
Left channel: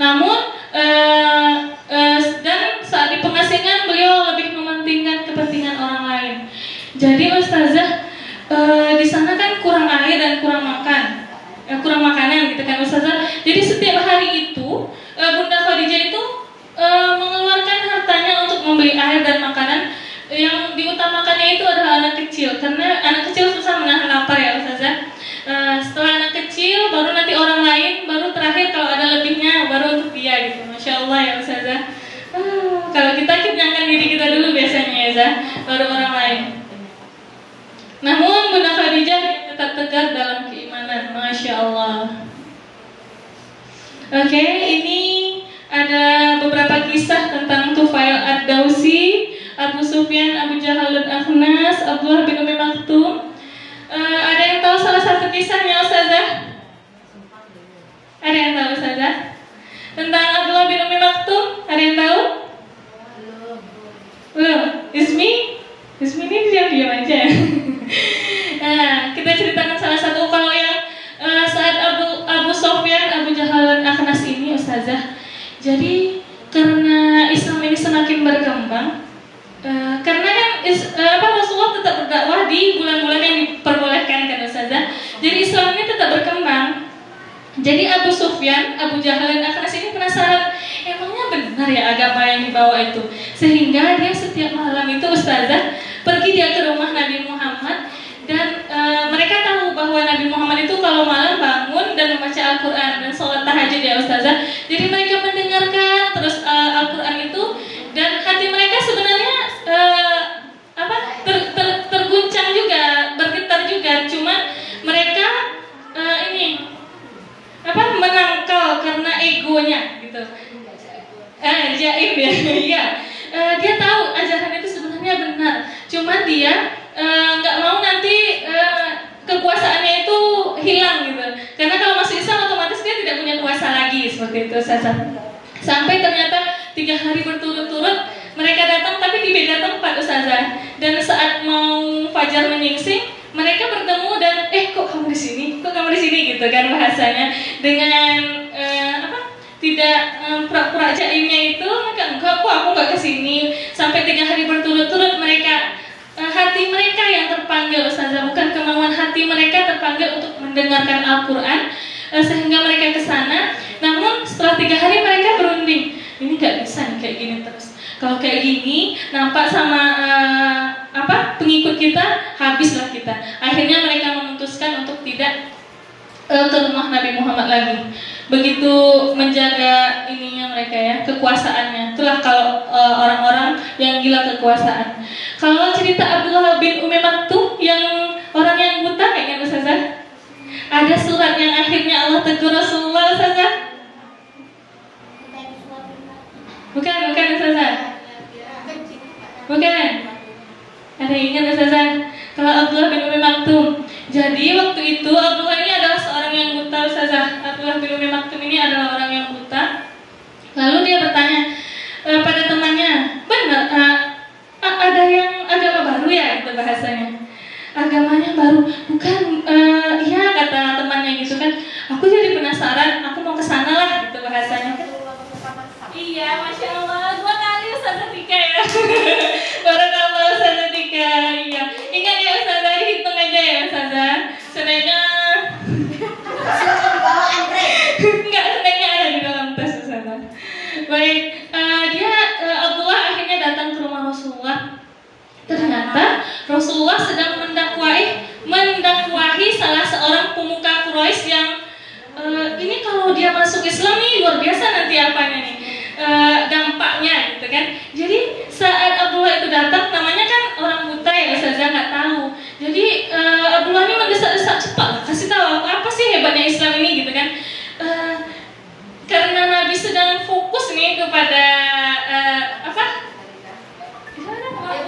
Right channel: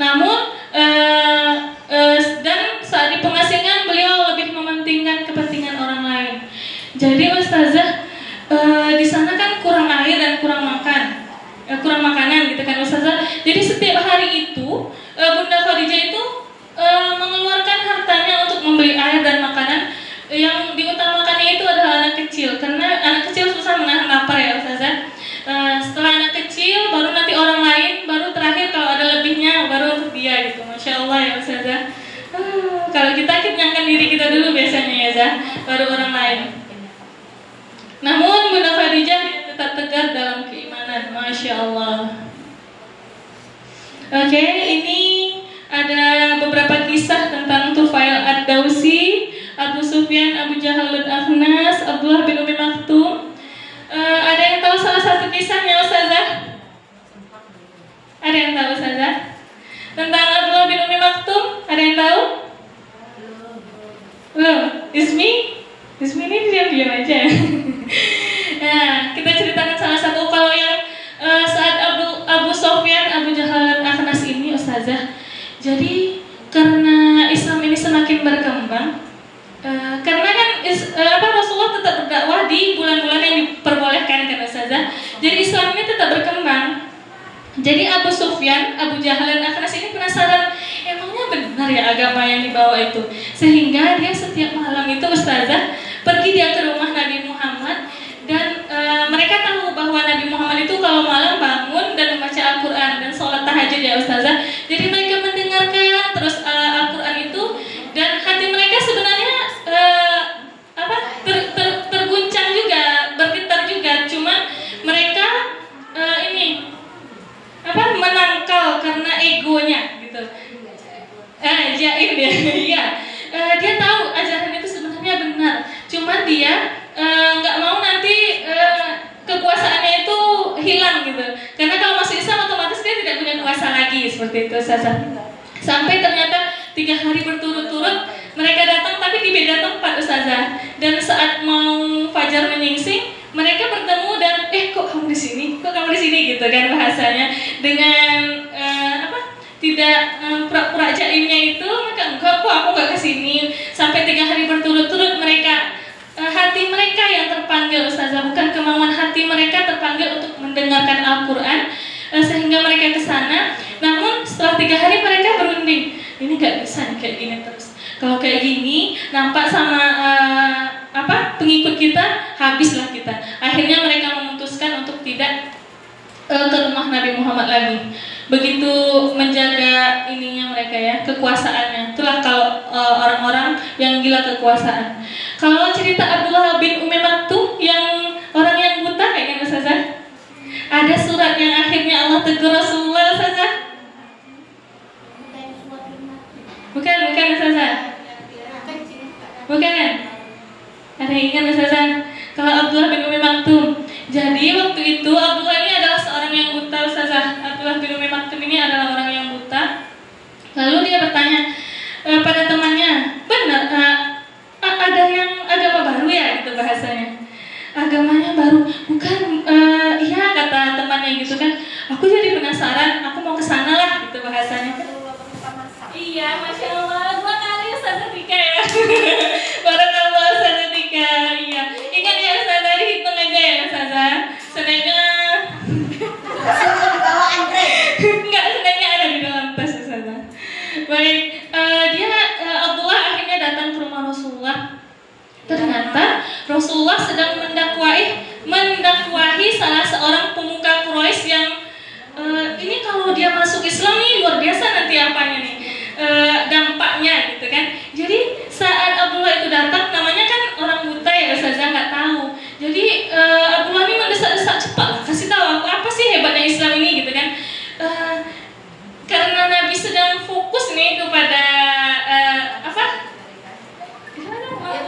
Namun dan saat di pengasingan beliau lebih mementingkan kepentingan orang lain. Jadi ustazah, di sana kan kurang air dan kurang makanan gitu kan ustazah. Jadi setiap hari itu Bunda Khadijah itu mengeluarkan hartanya untuk membeli air dan makanan. Yang diutamakannya itu adalah anak kecil, karena anak kecil susah menahan lapar ya ustazah. Setelah anak kecil, baru nanti orang lain, baru terakhir kalau ada lebihnya, baru untuk dia gitu. Masya Allah ya ustazah. Kalau kita kenyangkan diri kita dulu biasanya ya Zah, baru orang lain. Namun Bunda Khadijah tetap tegar dalam keimanan, masya Allah. Oke, ini ada beberapa kisah tentang Tufail ad-Dawsi, Abu Sufyan, Abu Jahal dan Akhnas, Abdullah bin Umi Maktum. Ada yang tahu salah satu kisahnya ustazah? Ada yang tahu ustazah? Tentang Abdullah bin Umi Maktum, ada yang tahu? Belum? Ismi ini diam-diam aja. Nah, kita ceritakan salah satu. Kalau yang saat Abu Sufyan, Abu Jahal dan Akhnas ini ustazah, jadi karena Islam ini semakin berkembang, karena kan Rasulullah tetap berdakwah di bulan-bulan yang diperbolehkan kan ustazah. Jadi Islam ini tetap berkembang. Jadi Abu Sufyan, Abu Jahal dan Akhnas ini penasaran, emangnya benar ya agama yang dibawa itu? Sehingga dia setiap malam itu ustazah pergi dia ke rumah Nabi Muhammad. Dan mereka tahu bahwa Nabi Muhammad itu kalau malam bangun dan membaca Al-Quran dan sholat tahajud ya ustazah. Jadi mereka mendengarkan terus Al-Quran itu, dan hati mereka sebenarnya terguncang juga, bergetar juga. Cuma mereka menangkal karena egonya gitu. Jaib ya, iya. Dia tahu ajaran itu sebenarnya benar. Cuma dia nggak mau nanti kekuasaannya itu hilang gitu. Karena kalau masuk Islam otomatis dia tidak punya kuasa lagi seperti itu ustazah. Sampai ternyata 3 hari berturut-turut mereka datang tapi di beda tempat ustazah. Dan saat mau fajar menyingsing, mereka bertemu dan kok kamu di sini? Kok kamu di sini gitu kan bahasanya. Dengan tidak pura-pura jaimnya itu, maka enggak kok aku enggak kesini. Sampai 3 hari berturut-turut mereka hati mereka yang terpanggil ustazah, bukan kemauan hati mereka terpanggil untuk mendengarkan Al-Quran, sehingga mereka ke sana. Namun setelah 3 hari mereka berunding, ini nggak bisa nih kayak gini terus. Kalau kayak gini nampak sama pengikut kita, habislah kita. Akhirnya mereka memutuskan untuk tidak ke rumah Nabi Muhammad lagi. Begitu menjaga ininya mereka ya, kekuasaannya. Itulah kalau orang-orang yang gila kekuasaan. Kalau cerita Abdullah bin Umi Maktum yang orang yang buta kayaknya ustazah, ada surat yang akhirnya Allah tegur Rasulullah Ustazah? Bukan Ustazah. Bukan. Ada yang ingat Ustazah? Kalau Abdullah bin Umi Maktum. Jadi waktu itu Abdullah ini adalah seorang yang buta Ustazah. Abdullah bin Umi Maktum ini adalah orang yang buta. Lalu dia bertanya pada temannya, benar ada yang agama baru ya, itu bahasanya. Agamanya baru, bukan? Iya kata temannya gitu kan. Aku jadi penasaran, aku mau ke sana lah, gitu bahasanya. Iya, masya Allah, 2 kali Ustazah Tika ya. Barakallah Ustazah Tika. Iya, ingat ya Ustazah, hitung aja ya Ustazah. Senangnya enggak, senangnya ada di dalam tas Ustazah. Baik, Abdullah akhirnya datang ke rumah Rasulullah. Ternyata Rasulullah sedang mendakwahi salah seorang pemuka Quraisy yang ini kalau dia masuk Islam nih luar biasa nanti apanya nih dampaknya gitu kan. Jadi saat Abdullah itu datang, namanya kan orang buta ya Ustazah, nggak tahu. Jadi Abdullah ini mendesak-desak, cepat lah kasih tahu aku apa sih hebatnya Islam ini gitu kan. Karena Nabi sedang fokus nih kepada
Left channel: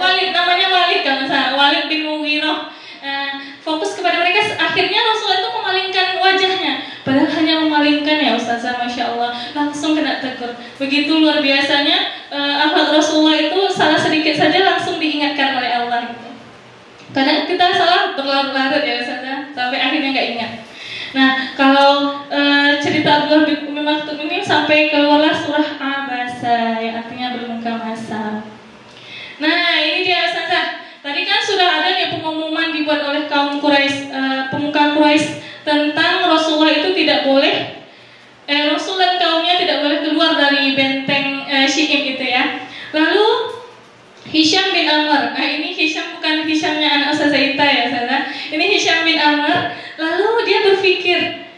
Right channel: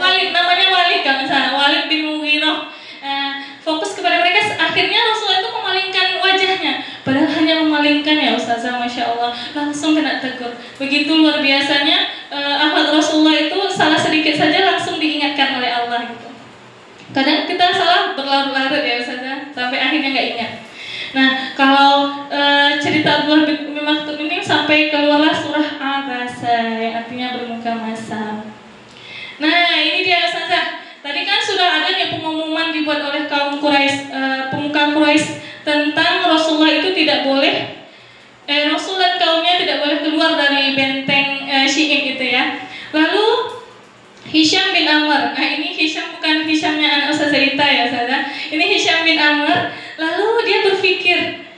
Walid, namanya Walid kan misalnya, Walid bin Mughirah, fokus kepada mereka. Akhirnya Rasulullah itu memalingkan wajahnya, padahal hanya memalingkan ya Ustazah, masya Allah, langsung kena tegur. Begitu luar biasanya akhlak Rasulullah itu, salah sedikit saja langsung diingatkan oleh Allah gitu. Kadang kita salah berlarut-larut ya Ustazah, sampai akhirnya nggak ingat. Nah, kalau cerita Abdullah bin Umi Maktum ini sampai keluarlah surah Abasa yang artinya bermuka masam. Nah, ini dia Ustazah. Tadi kan sudah ada nih pengumuman dibuat oleh kaum Quraisy, pemuka Quraisy tentang Rasulullah itu tidak boleh, Rasul dan kaumnya tidak boleh keluar dari benteng Syi'ib gitu ya. Lalu Hisham bin Amr, ini Hisham bukan Hishamnya anak Ustazah Ita ya Ustazah. Ini Hisham bin Amr. Lalu dia berpikir,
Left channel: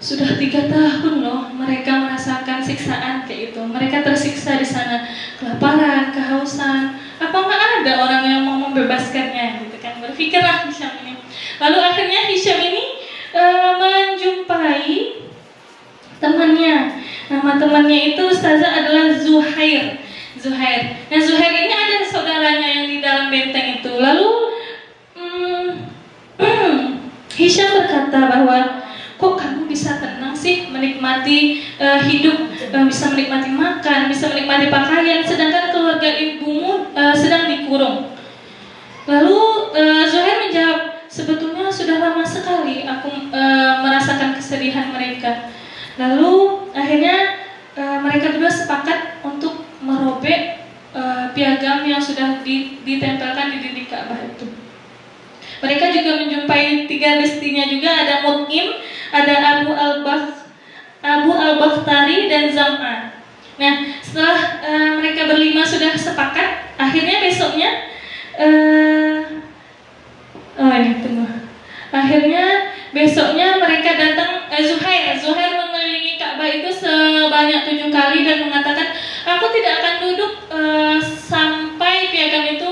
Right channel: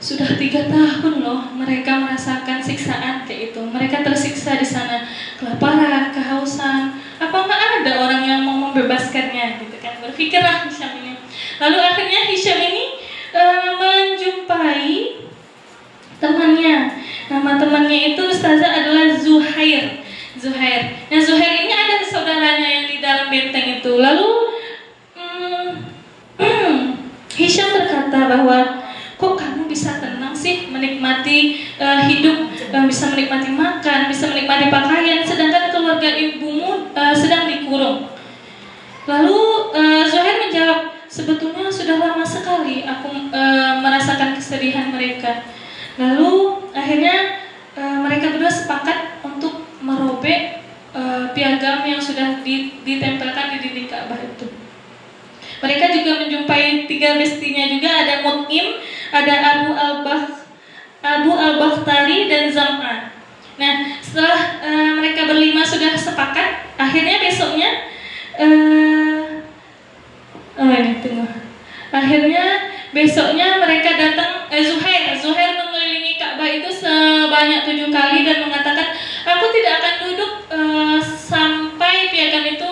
sudah 3 tahun loh mereka merasakan siksaan kayak itu. Mereka tersiksa di sana, kelaparan, kehausan. Apa nggak ada orang yang mau membebaskannya gitu kan? Berpikirlah Hisham ini. Lalu akhirnya Hisham ini menjumpai temannya. Nama temannya itu Ustazah adalah Zuhair. Nah Zuhair ini ada saudaranya yang di dalam benteng itu. Lalu Hisham berkata bahwa, kok kamu bisa tenang sih menikmati hidup, bisa menikmati makan, bisa menikmati pakaian, sedangkan keluarga ibumu sedang dikurung. Lalu Zuhair menjawab, sebetulnya sudah lama sekali aku merasakan kesedihan mereka. Lalu akhirnya mereka berdua sepakat untuk merobek piagam yang sudah ditempelkan di dinding Ka'bah itu. Mereka juga menjumpai 3 bestinya juga, ada Mut'im, ada Abu al-Bakhtari dan Zam'a. Nah, setelah mereka berlima sudah sepakat, akhirnya besoknya akhirnya besoknya mereka datang, Zuhair mengelilingi Ka'bah itu sebanyak 7 kali dan mengatakan, aku tidak akan duduk sampai piagam itu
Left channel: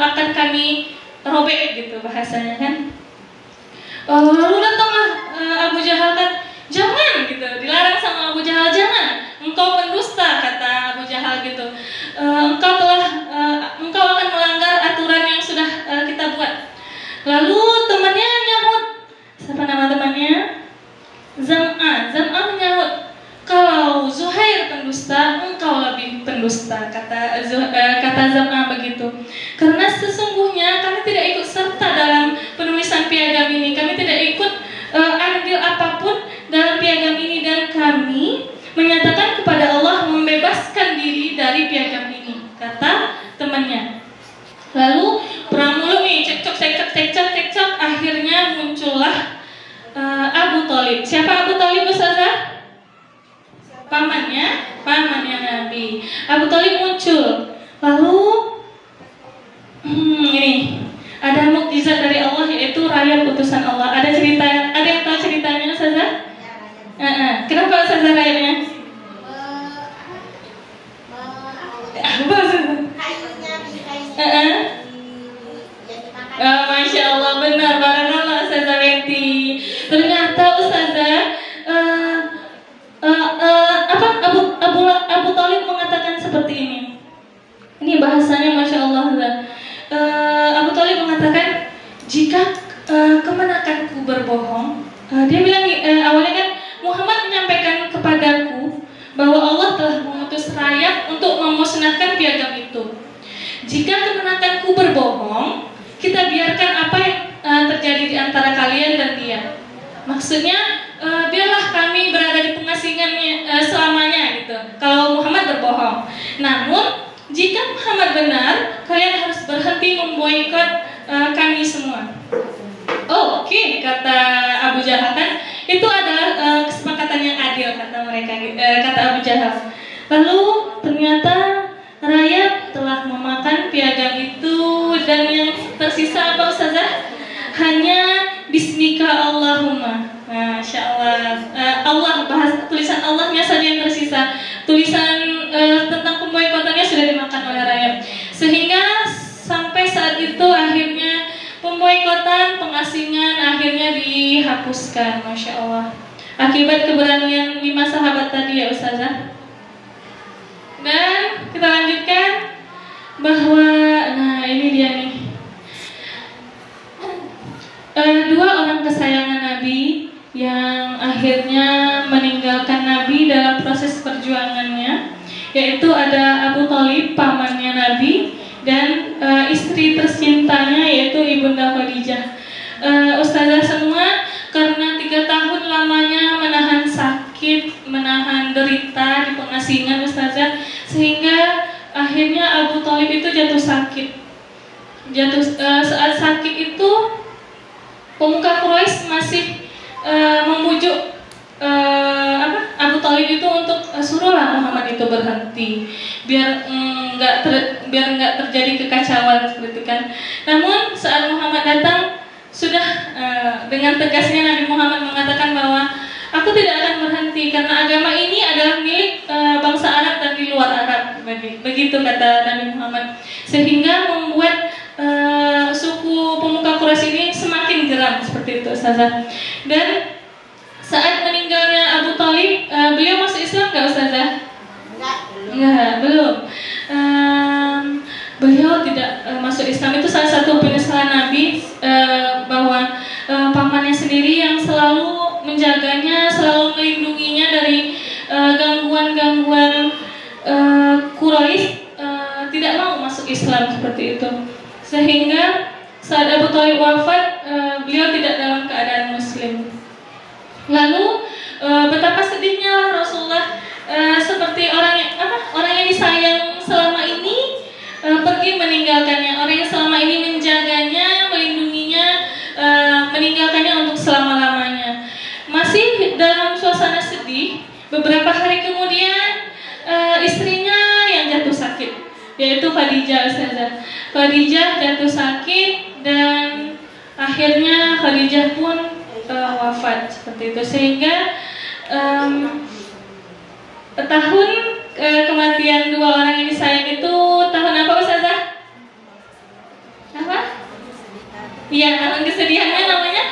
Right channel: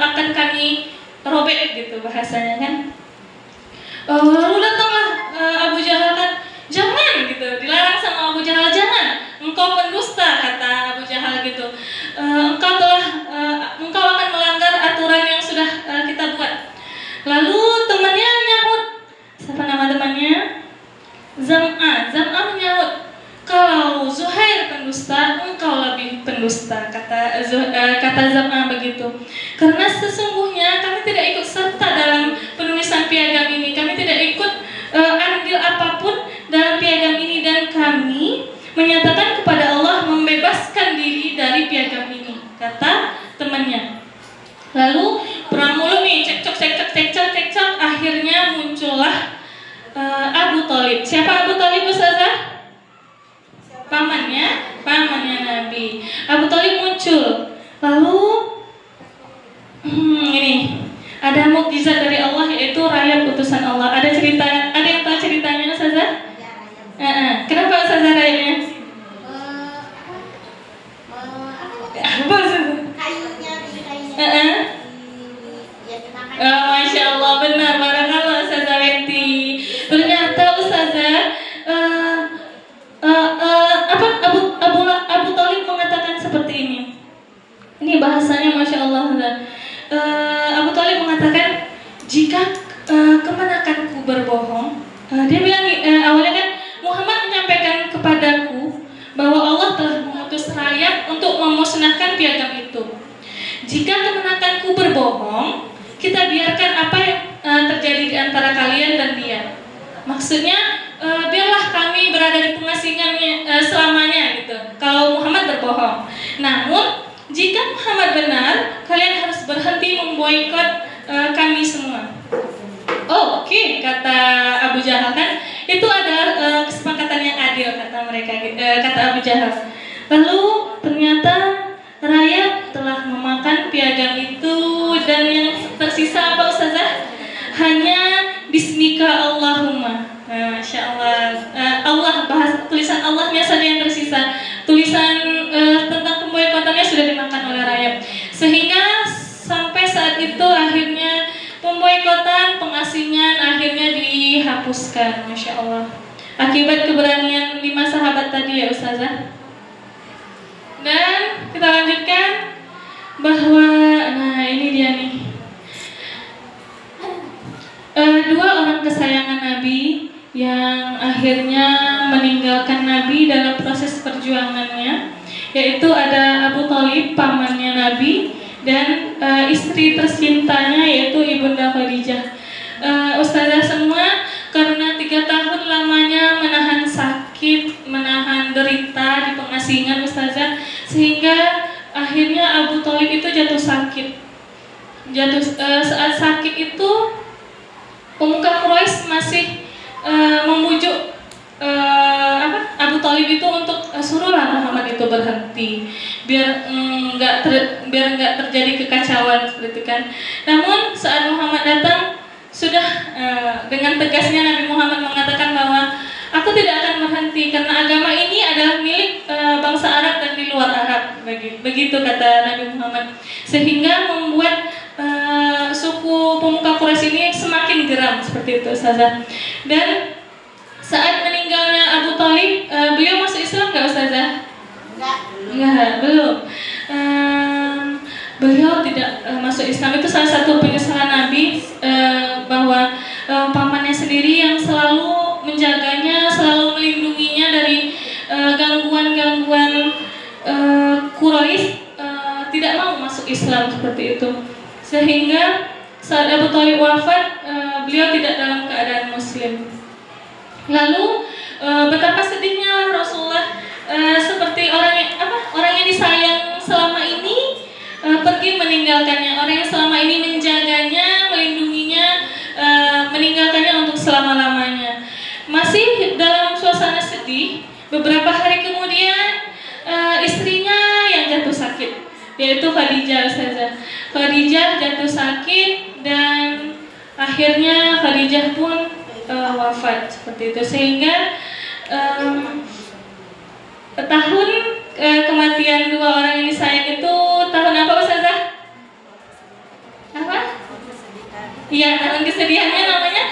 akan kami robek gitu bahasanya kan. Lalu datanglah Abu Jahal kan, jangan gitu, dilarang sama Abu Jahal, jangan, engkau pendusta kata Abu Jahal gitu. Engkau akan melanggar aturan yang sudah kita buat. Lalu temannya nyahut, siapa nama temannya? Zam'a menyahut, kalau Zuhair pendusta, engkau lebih pendusta, kata Zam'a begitu. Karena sesungguhnya kami tidak ikut serta dalam penulisan piagam ini, kami tidak ikut andil apapun dalam piagam ini, dan kami menyatakan kepada Allah membebaskan diri dari piagam ini, kata temannya. Lalu perang mulu nih, cekcok, akhirnya muncullah Abu Thalib. Siapa Abu Thalib Ustazah? Pamannya Nabi. Abu Thalib muncul. Lalu ini ada mukjizat dari Allah, yaitu rakyat utusan Allah. Ada yang tahu ceritanya Ustazah? Kenapa Ustazah rayanya? Apa Ustazah? Masya Allah, benar, barakallah Ustazah Bekti. Ternyata Allah telah mengutus rakyat untuk memusnahkan piagam itu. Jika keponakanku berbohong, kita biarkan apa yang terjadi di antara kalian dan dia. Maksudnya biarlah kami berada di pengasingan selamanya gitu. Kalau Muhammad berbohong. Namun jika Muhammad benar, kalian harus berhenti memboikot kami semua. Oh, oke, kata Abu Jahal kan, itu adalah kesepakatan yang adil kata mereka, kata Abu Jahal. Lalu ternyata rakyat telah memakan piagam itu dan yang tersisa apa Ustazah? Hanya Bismika Allahumma. Masya Allah. Allah bahas tulisan Allahnya saja yang tersisa. Tulisan tentang pemboikotannya sudah dimakan oleh rakyat. Sehingga sampai saat itu akhirnya pemboikotan, pengasingan akhirnya dihapuskan. Masya Allah. Akibat keberanian 5 sahabat tadi ya Ustazah. Dan kita lanjutkan bahwa ini dia nih. 2 orang kesayangan Nabi yang akhirnya meninggalkan Nabi dalam proses perjuangannya, yaitu ada Abu Thalib, pamannya Nabi, dan istri tercintanya yaitu Ibunda Khadijah. Ustazah semua karena 3 tahun lamanya menahan sakit, menahan derita di pengasingan Ustazah, sehingga akhirnya Abu Thalib itu jatuh sakit. Saat sakit itu pemuka Quraisy masih memujuk Abu Thalib itu untuk suruhlah Muhammad itu berhenti biar nggak terjadi kekacauan seperti itu kan. Namun saat Muhammad datang sudah dengan tegasnya Nabi Muhammad mengatakan bahwa aku tidak akan berhenti karena agama ini adalah milik bangsa Arab dan di luar Arab, begitu kata Nabi Muhammad, sehingga membuat suku pemuka Quraisy ini semakin geram seperti itu Ustazah. Dan saat meninggalnya Abu Thalib, beliau masuk Islam nggak Ustazah? Enggak, belum. Beliau tidak masuk Islam. Itu salah satu penyesalan Nabi, bahwa pamannya sendiri yang selalu menjaganya, selalu melindunginya dari gangguan-gangguan Quraisy, tidak mau masuk Islam seperti itu. Sehingga saat Abu Thalib wafat, beliau tidak dalam keadaan Muslim. Lalu betapa sedihnya Rasulullah, seperti orang yang disayang selama ini pergi meninggalkannya, orang yang selama ini menjaganya, melindunginya, meninggalkannya untuk selama-lamanya. Masih dalam suasana sedih, beberapa hari kemudian istrinya yang jatuh sakit, yaitu Khadijah Ustazah. Khadijah jatuh sakit dan akhirnya Khadijah pun wafat seperti itu, sehingga tahun kematian 2 orang yang disayang itu tahun apa Ustazah? Apa? Iya, tahun kesedihannya namanya?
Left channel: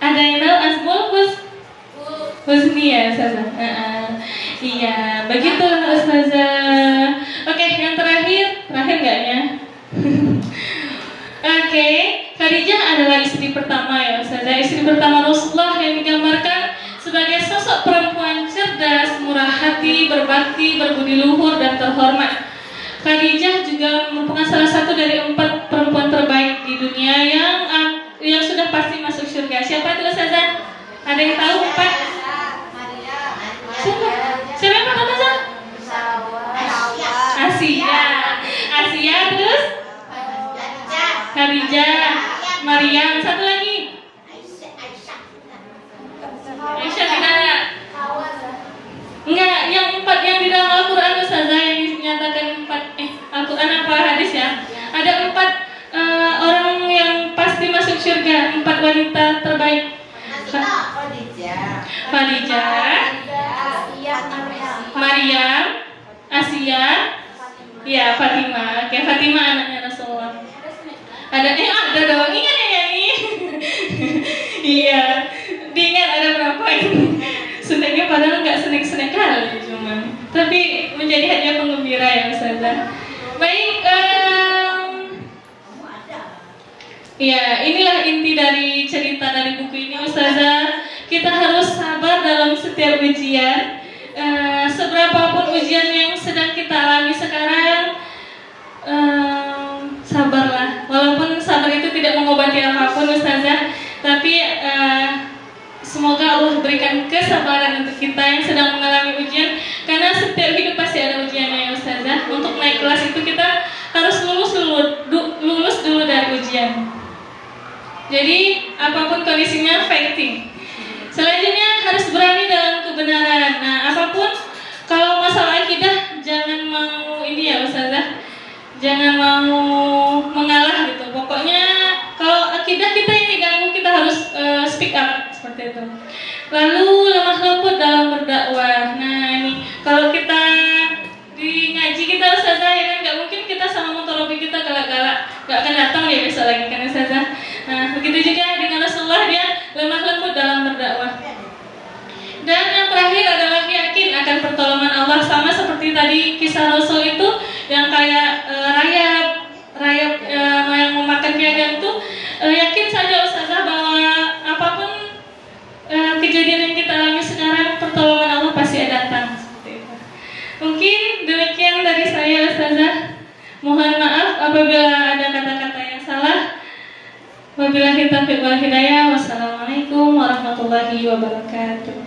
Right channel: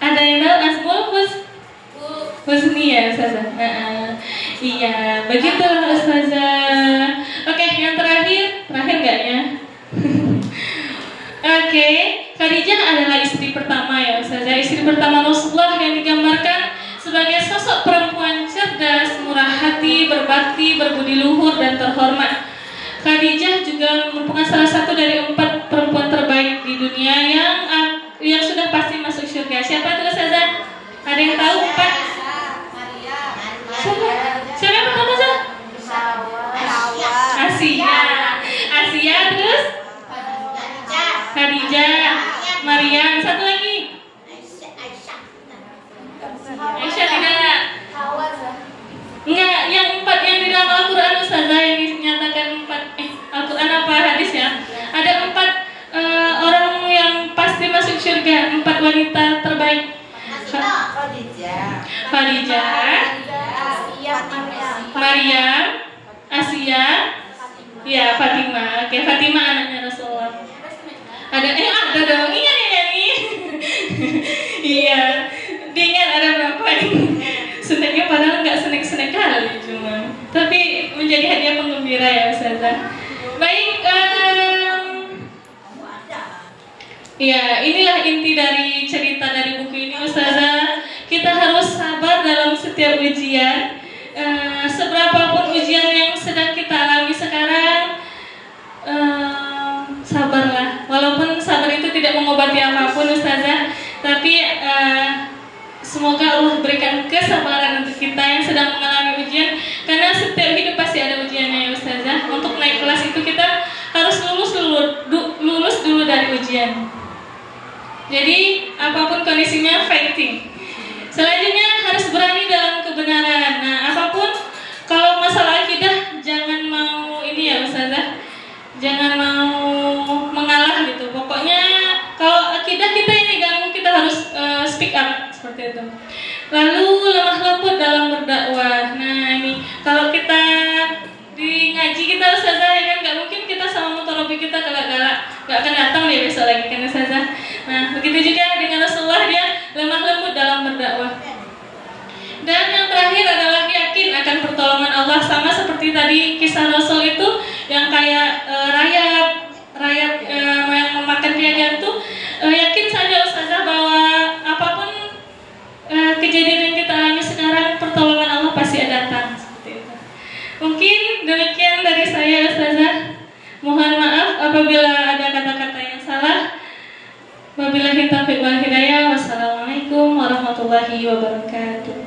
Ada yang tahu? Asbul Husni ya Ustazah? Iya, begitu Ustazah. Oke, yang terakhir nggak ya? Oke, Khadijah adalah istri pertama ya Ustazah, istri pertama Rasulullah yang digambarkan sebagai sosok perempuan cerdas, murah hati, berbakti, berbudi luhur dan terhormat. Khadijah juga merupakan salah satu dari 4 perempuan terbaik di dunia yang sudah pasti masuk surga. Siapa itu Ustazah? Ada yang tahu 4? Siapa yang pertama Ustazah? Asia terus? Khadijah, Maryam, satu lagi? Aisyah tidak? Enggak, yang 4 yang di dalam Al-Quran Ustazah, yang dinyatakan 4 Al-Quran apa hadis ya? Ada 4 orang yang pasti masuk surga, 4 wanita terbaik. Khadijah, Maryam, Asia, ya Fatimah. Oke, Fatimah anaknya Rasulullah. Ada dong, ingat ya nih. Iya, diingat ada berapa? Senangnya padahal nggak seneng-seneng kali cuma, tapi menjadi hadiah penggembira ya Ustazah. Baik, ya inilah inti dari cerita dari buku ini Ustazah. Kita harus sabar dalam setiap ujian. Seberapa Ustazah. Tapi semoga Allah berikan kesabaran untuk kita yang sedang mengalami ujian, karena setiap hidup pasti ada ujiannya ya Ustazah. Untuk naik kelas itu kita harus lulus dulu dari ujian. Jadi apapun kondisinya fighting. Selanjutnya harus berani dalam kebenaran. Nah, apapun kalau masalah akidah jangan mau ini ya Ustazah. Jangan mau mengalah gitu. Pokoknya kalau akidah kita ini ganggu, kita harus speak up seperti itu. Lalu lemah lembut dalam berdakwah. Nah, ini kalau kita di ngaji kita Ustazah ya kan, nggak mungkin kita sama mutarabi kita galak-galak, nggak akan datang dia besok lagi kan Ustazah. Nah, begitu juga dengan Rasulullah, dia lemah lembut dalam berdakwah. Dan yang terakhir adalah yakin akan pertolongan Allah, sama seperti tadi kisah Rasul itu yang kayak rayap yang memakan piagam itu, yakin saja Ustazah bahwa apapun kejadian yang kita alami sekarang, pertolongan Allah pasti datang. Seperti itu. Mungkin demikian dari saya Ustazah. Mohon maaf apabila ada kata-kata yang salah. Wabillahi taufiq wal hidayah. Wassalamualaikum warahmatullahi wabarakatuh.